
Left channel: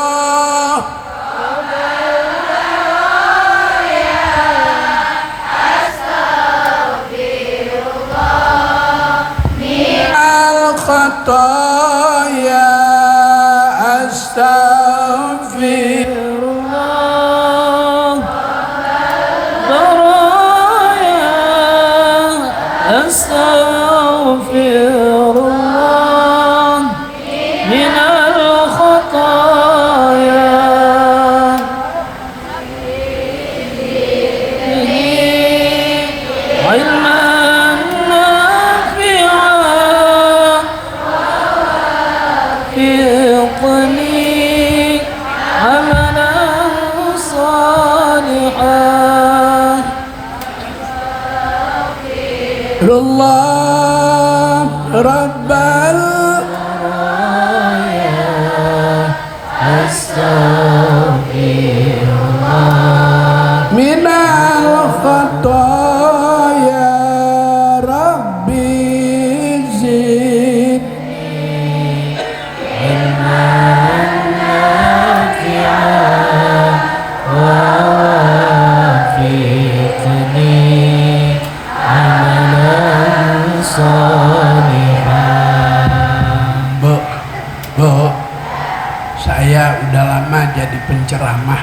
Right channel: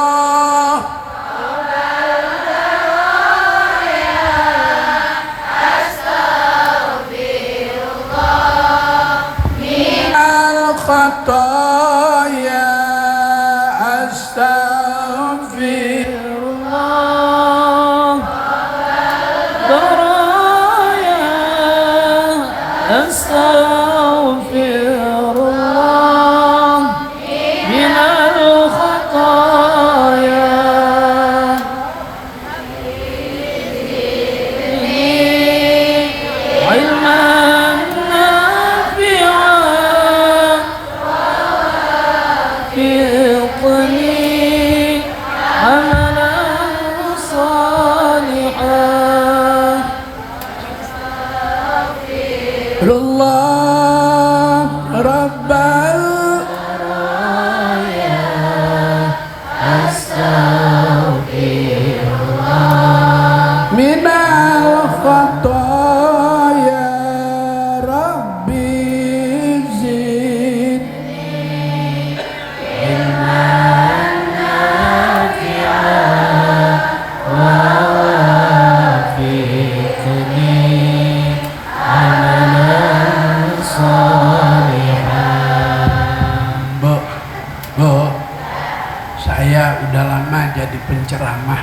Penceramah,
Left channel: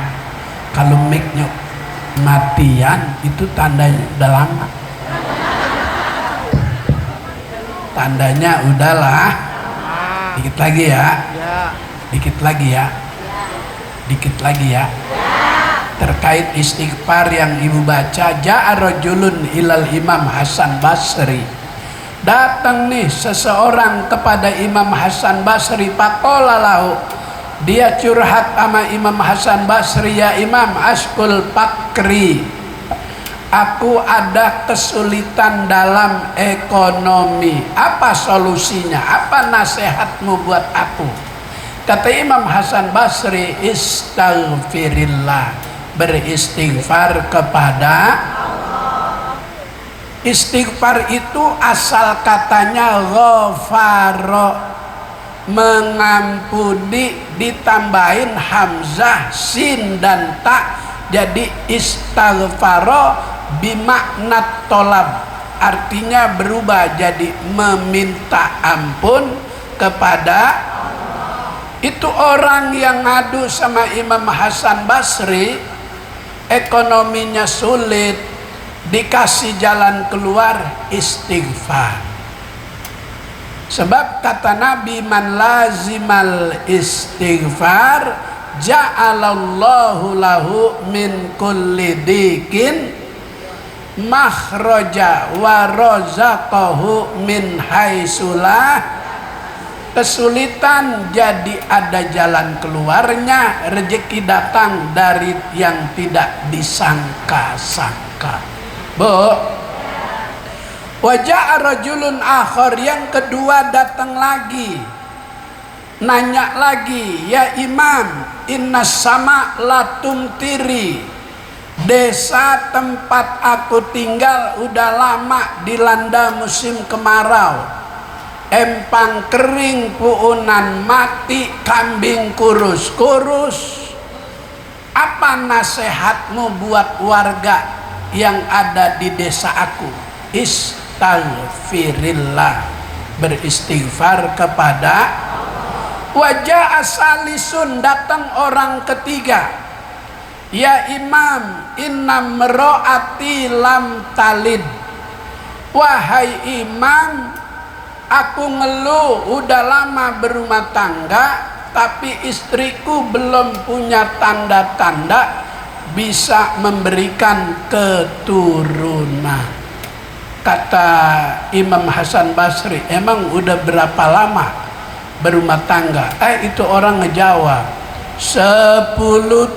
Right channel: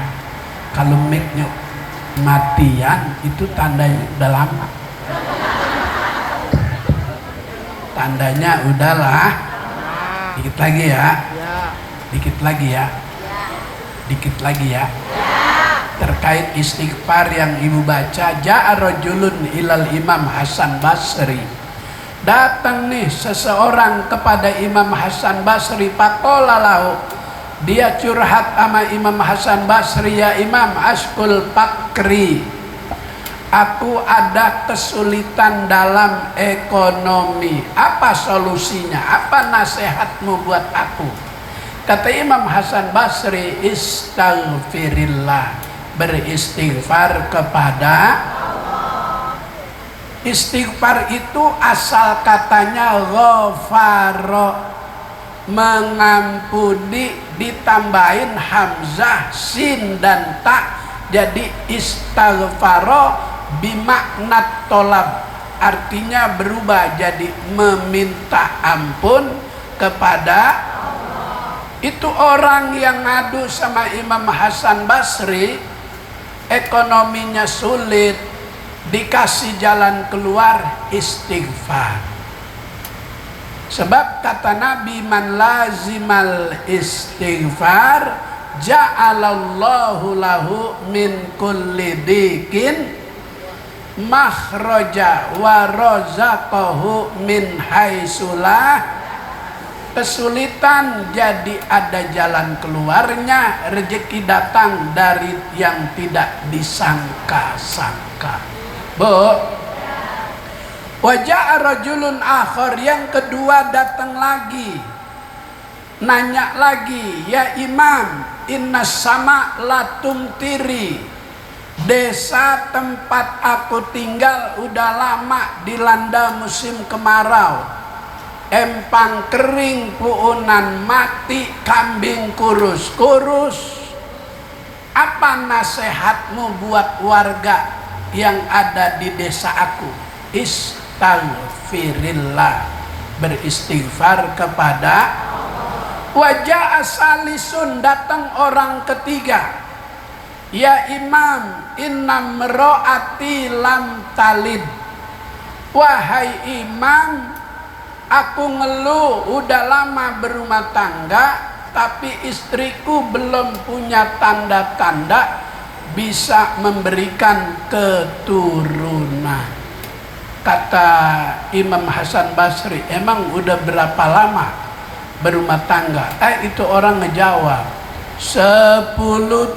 kalau mic-nya matian itu tandanya udah lama, tandanya udahlah. Dikit lagi ya, dikit lagi ya, dikit lagi ya. Terkait istighfar yang ibu baca, ja'a rajulun ilal Imam Hasan Basri. Datang nih seseorang kepada Imam Hasan Basri, faqala lahu, dia curhat sama Imam Hasan Basri, ya Imam, askul fakri, aku ada kesulitan dalam ekonomi, apa solusinya, apa nasihatmu buat aku? Kata Imam Hasan Basri, istaghfirillah, beristighfar kepada Allah. Istighfar itu asal katanya ghafara, mengampuni, ditambahin hamzah, sin dan ta, jadi istaghfaro bimakna tolab, artinya berubah jadi meminta ampun kepada Allah. Itu orang yang ngadu sama Imam Hasan Basri, ekonominya sulit, dikasih jalan keluar, istighfar. Sebab kata Nabi, man lazimal istighfar ja'alallahu lahu min kulli dikin makhraja wa razaqahu min haitsulah. Kesulitan jadi ada jalan keluarnya, rezeki datang dari yang tidak disangka-sangka. Bu, wajah rajulun akhar, yang kedua datang lagi, nanya lagi, ya Imam, inna sama latum tiri, desa tempat aku tinggal udah lama dilanda musim kemarau, empang kering puunan mati kambing kurus. Apa nasihatmu buat warga yang ada di desa aku? Istaghfirillah, beristighfar kepada wajah asalisun, datang orang ketiga. Ya imam, inna mro'ati lam talid. Wahai imam, aku ngeluh udah lama berumah tangga, tapi istriku belum punya tanda-tanda bisa memberikan keturunan. Kata Imam Hasan Basri, emang udah berapa lama berumah tangga? Itu orang ngejawab, 10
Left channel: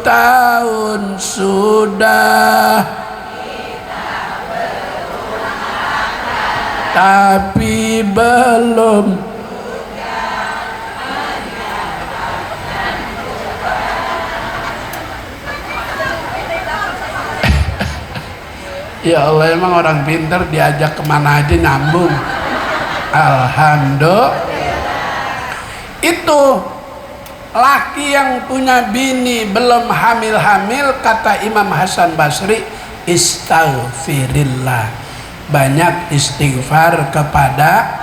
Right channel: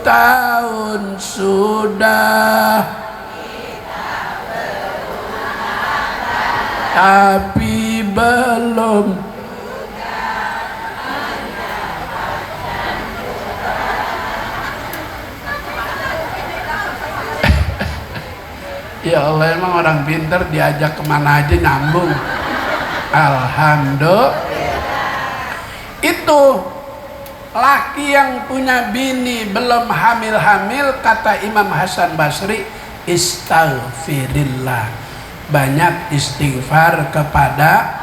tahun sudah, tapi belum. Ya Allah, emang orang pintar diajak kemana aja nyambung. Alhamdulillah. Itu laki yang punya bini belum hamil-hamil, kata Imam Hasan Basri, istaghfirillah, banyak istighfar kepada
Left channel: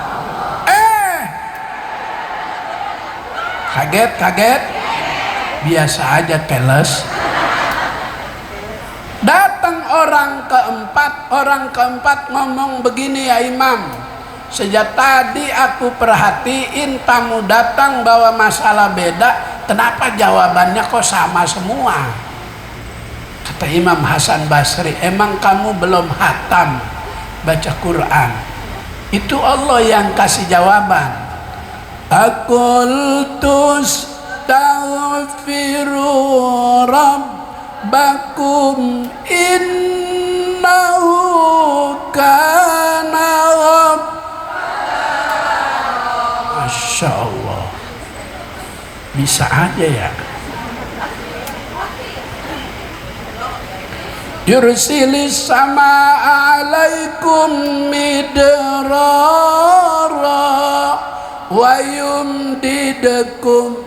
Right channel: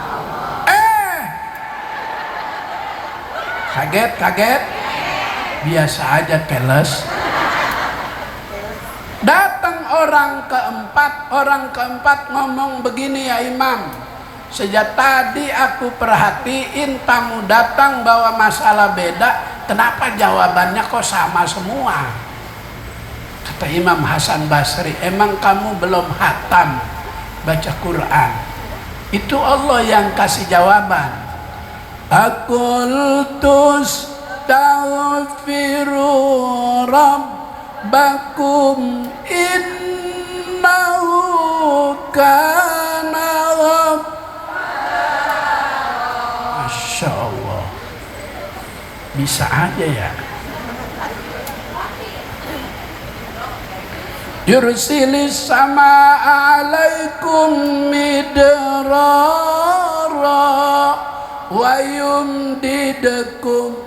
kaget biasa aja teles. Datang orang keempat ngomong begini, ya imam, sejak tadi aku perhatiin tamu datang bawa masalah beda, kenapa jawabannya kok sama semua? Kata Imam Hasan Basri, emang kamu belum hatam baca Quran? Itu Allah yang kasih jawaban. Aqultus taghfiru rabbakum innahu kana ghaffara. Masya Allah, bisa aja ya. Yursilis sama alaikum midrara wa yumdidukum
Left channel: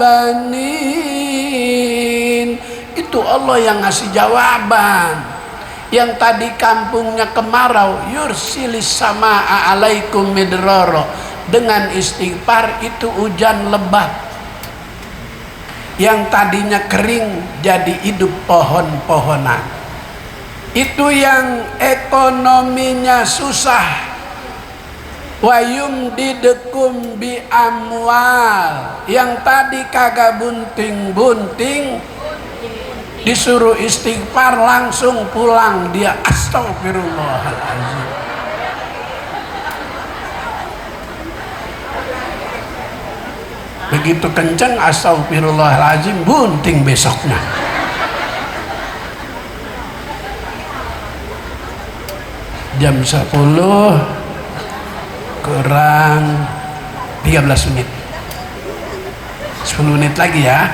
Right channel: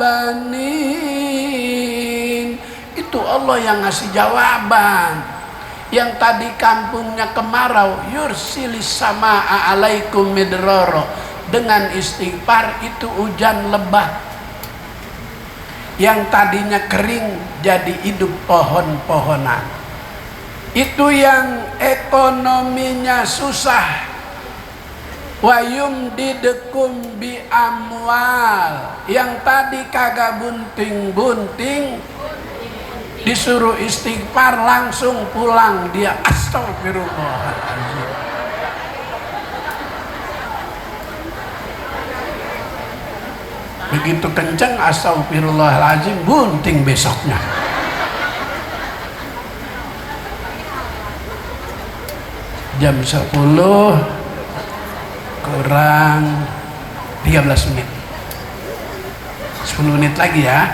banin. Itu Allah yang ngasih jawaban. Yang tadi kampungnya kemarau, yursilis sama alaikum midrara, dengan istighfar itu hujan lebat. Yang tadinya kering jadi hidup pohon-pohonan. Itu yang ekonominya susah, wayum didekum bi amwal, yang tadi kagak bunting-bunting disuruh istighfar langsung pulang dia astagfirullahaladzim. Begitu kencang astagfirullahaladzim, bunting besoknya. Jam 10 kurang 13 menit, 10 menit lagi ya,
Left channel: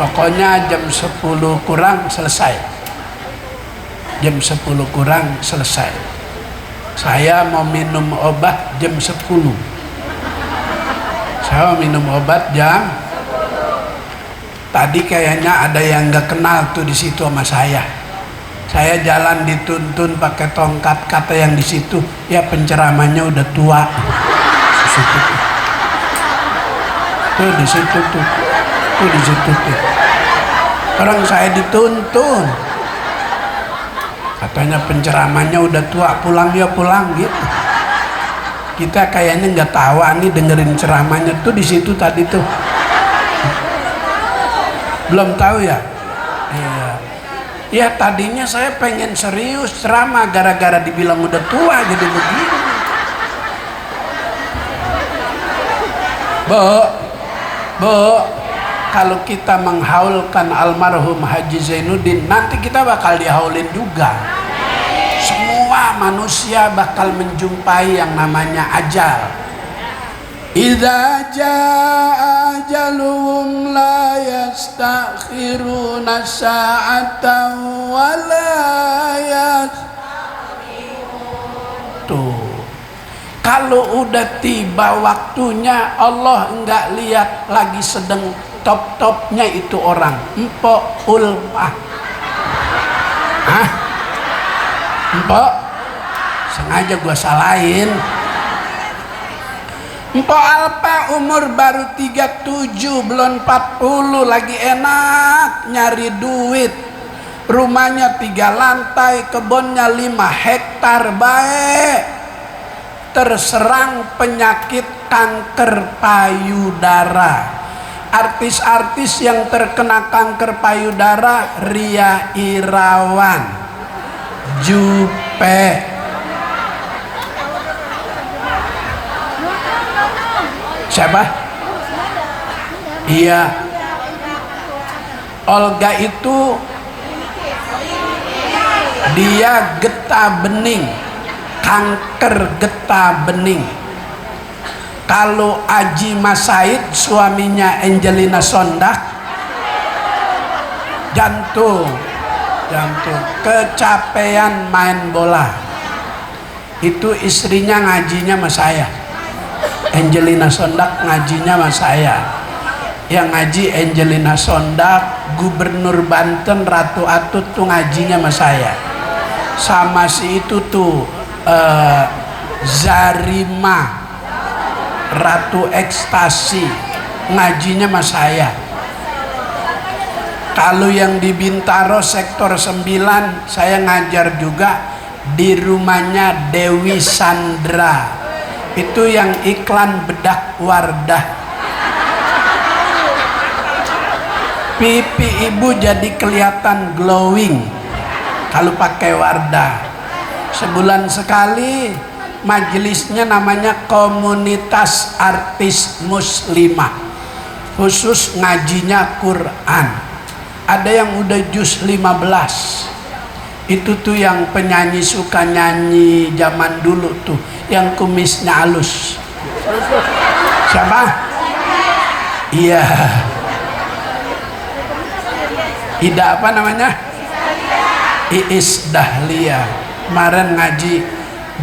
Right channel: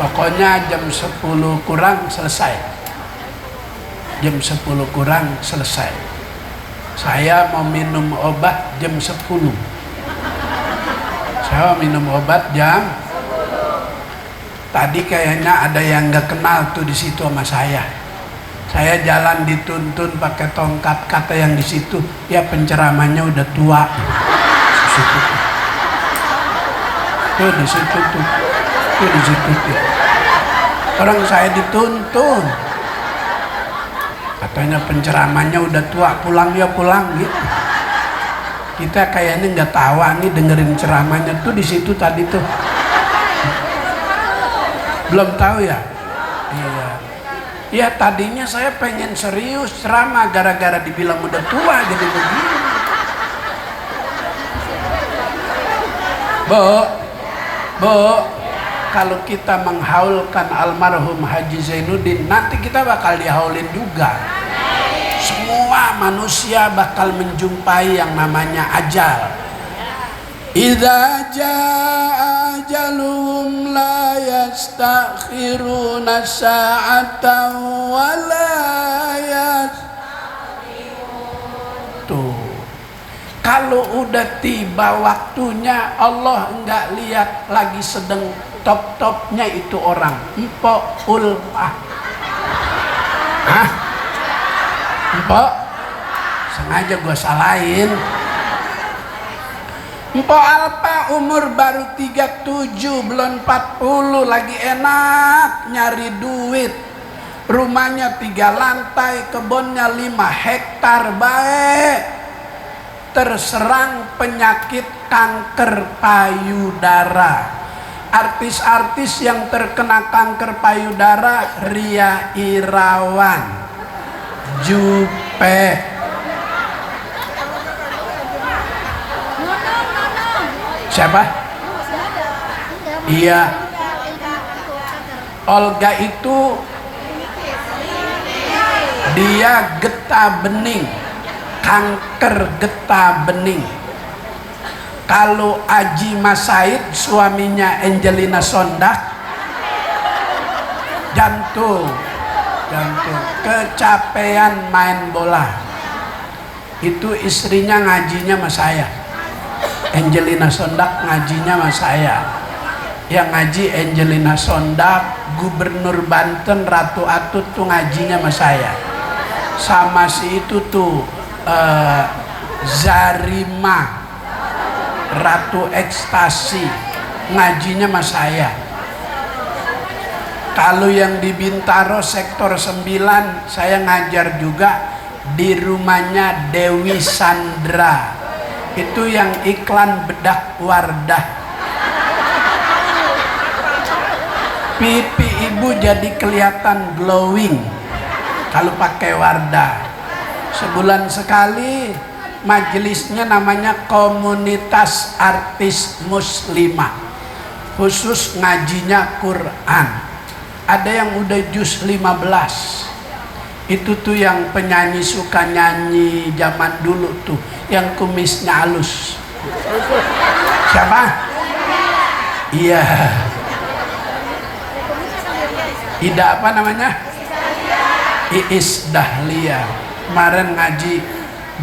pokoknya jam 10 kurang selesai, jam 10 kurang selesai. Saya mau minum obat jam 10, saya mau minum obat jam, tadi kayaknya ada yang gak kenal tuh di situ sama saya jalan dituntun pakai tongkat, kata yang di situ, ya penceramahnya udah tua. Tuh di situ tuh, di situ tuh. Orang saya dituntun, katanya penceramahnya udah tua, pulang dia pulang gitu. Kita kayaknya nggak tahu nih dengerin ceramahnya tuh di situ tadi tuh. Belum tahu ya? Iya. Ya tadinya saya pengen serius ceramah, gara-gara dibilang udah tua jadi begini. Bu, kalau kita menghaulkan almarhum Haji Zainuddin, nanti kita bakal dihaulin juga. Semua manusia bakal menjumpai yang namanya ajal. Idza jaa ajaluhum la yastakhiruna sa'atan wa la yastaqdimun. Kalau udah tiba waktunya, Allah enggak lihat lagi sedang top-topnya itu orang. Empok ulmah. Hah? Empok? Sengaja gua salahin. Empok Alpa umur baru 37, belum 40, lagi enak nyari duit. Rumahnya 3 lantai, kebunnya 5 hektar, baik. Terserang penyakit kanker payudara. Artis-artis yang terkena kanker payudara, Ria Irawan, Jupe, siapa? Iya, Olga itu dia getah bening, kanker getah bening. Kalau Aji Mas Said, suaminya Angelina Sondak, jantung, kecapean main bola. Itu istrinya ngajinya sama saya. Angelina Sondak ngajinya sama saya. Yang ngaji Angelina Sondak, Gubernur Banten Ratu Atut tuh ngajinya sama saya. Sama si itu tuh Zarima Ratu Ekstasi ngajinya sama saya. Kalau yang di Bintaro sektor 9 saya ngajar juga di rumahnya Dewi Sandra. Itu yang iklan bedak Wardah. Pipi ibu jadi kelihatan glowing kalau pakai Wardah. Sebulan sekali majelisnya namanya Komunitas Artis Muslimah, khusus ngajinya Quran. Ada yang udah juz 15. Itu tuh yang penyanyi suka nyanyi zaman dulu tuh, yang kumisnya halus. Siapa? Iya. Ida apa namanya? Iis Dahlia. Kemarin ngaji,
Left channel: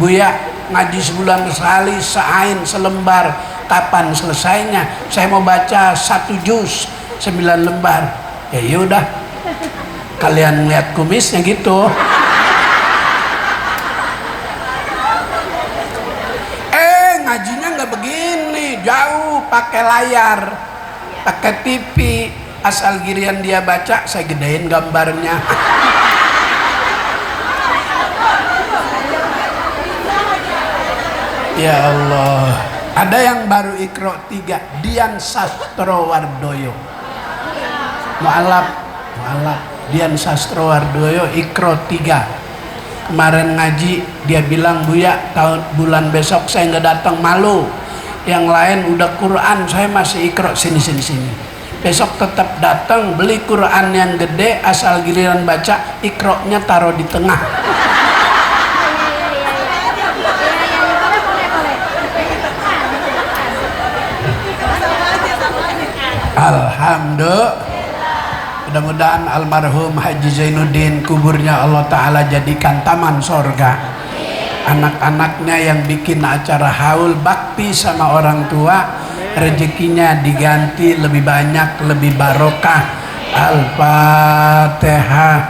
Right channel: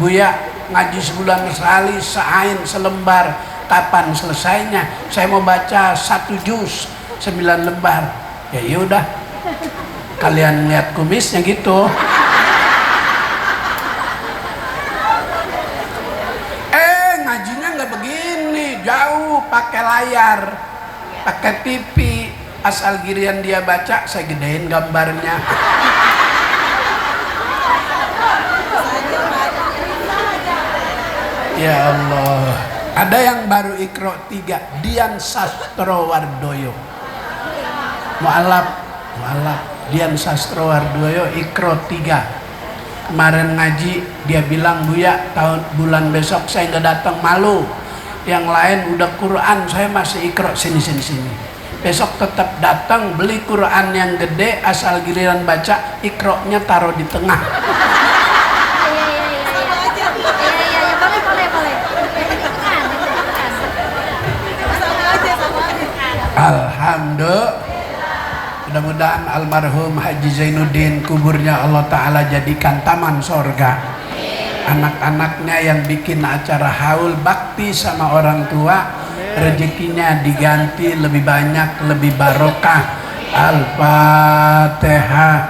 Buya ngaji sebulan sekali, seain selembar. Kapan selesainya? Saya mau baca 1 juz 9 lembar. Ya yaudah, kalian lihat kumisnya gitu. Ngajinya nggak begini, jauh, pakai layar, pakai TV. Asal giliran dia baca, saya gedein gambarnya. Ya Allah. Ada yang baru Iqra 3, Dian Sastrowardoyo. Mu'alaf Dian Sastrowardoyo Iqra 3. Kemarin ngaji dia bilang, Buya tahun bulan besok saya nggak datang, malu. Yang lain udah Quran, saya masih Iqra, sini. Besok tetap datang, beli Quran yang gede, asal giliran baca Iqra-nya taruh di tengah. Alhamdulillah. Mudah-mudahan almarhum Haji Zainuddin kuburnya Allah Ta'ala jadikan taman sorga. Anak-anaknya yang bikin acara haul bakti sama orang tua, rezekinya diganti lebih banyak, lebih barokah. Al-Fatihah.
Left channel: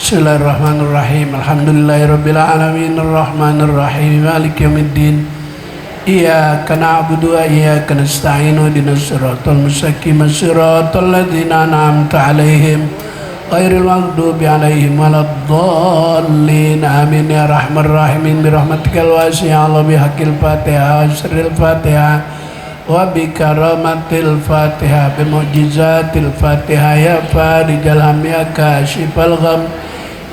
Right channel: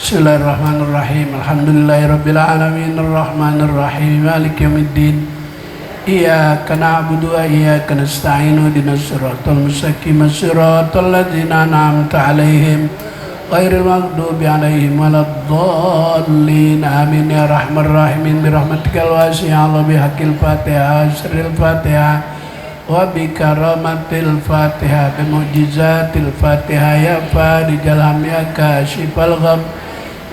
Bismillahirrahmanirrahim. Alhamdulillahirabbil alamin arrahmanir rahim maliki yaumiddin. Iyyaka na'budu wa iyyaka nasta'in ihdinas siratal mustaqim siratal ladzina an'amta 'alaihim ghairil maghdubi 'alaihim waladdallin. Amin ya rahman rahimin birahmatikal wasi'ah wa bihaqqil Fatihah wa sirril Fatihah wa bikaramatil Fatihah bimu'jizatil Fatihah ya farijal ham ya kashifal gham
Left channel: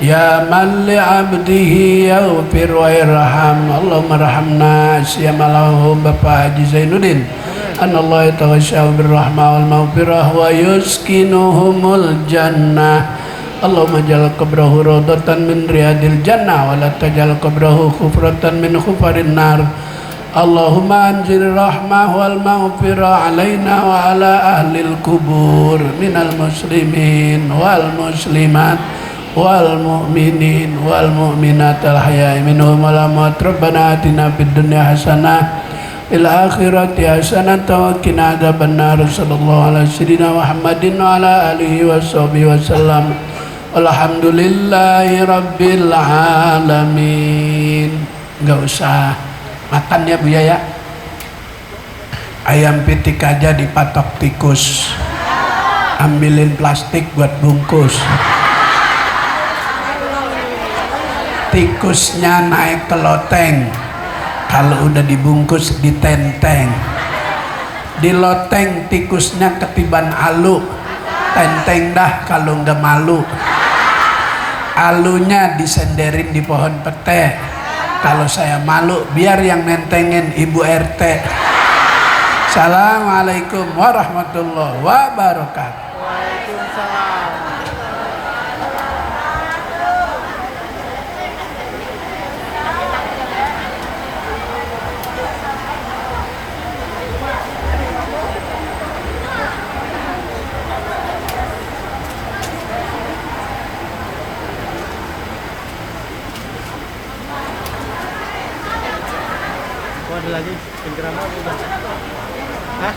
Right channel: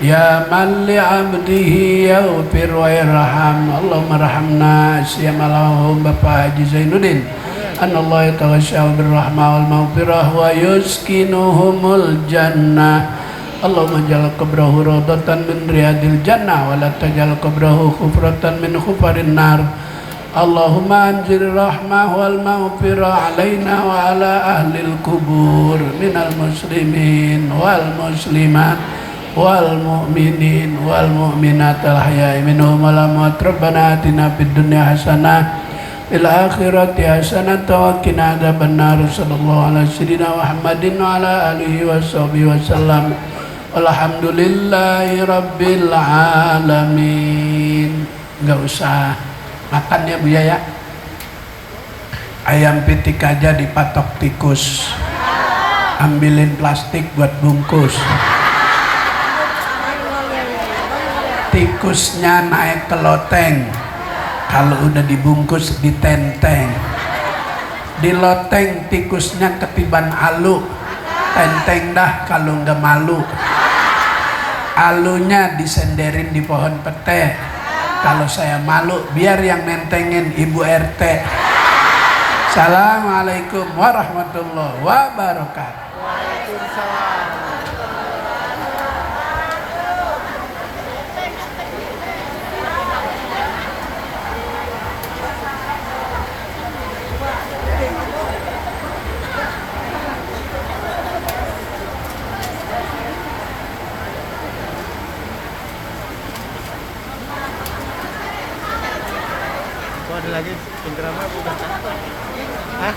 ya man li'abdihi yaghfir wa yarham. Allahumma rahamna siyamalahum Bapak Haji Zainuddin. Anallahu yatawasya'u birrahmah wal maghfirah wa yuskinuhumul jannah. Allahumma ja'al qabrahu rawdatan min riyadil jannah wa la taj'al qabrahu khufratan min khufarin nar. Allahumma anzil rahmah wal maghfirah alaina wa ala ahlil kubur minal muslimin wal muslimat wal mu'minin wal mu'minat al ahya'i minhum wal amwat. Rabbana atina fid dunya hasanah fil akhirati hasanah wa qina adzabannar. Sallallahu alaihi sayyidina Muhammadin wa ala alihi washabihi wasallam. Alhamdulillahi rabbil alamin. Enggak usah makan ya Bu ya. Ayam pitik aja dipatok tikus, ambilin plastik buat bungkus. Tikusnya naik ke loteng, kalau udah dibungkus ditenteng. Di loteng tikusnya ketiban alu, tenteng dah kalau nggak malu. Alunya disenderin di pohon pete, kalau saya malu biar yang nentengin Ibu RT. Assalamualaikum warahmatullahi wabarakatuh. Waalaikumsalam. Oh, ada lagi penceramah bukan? Hah?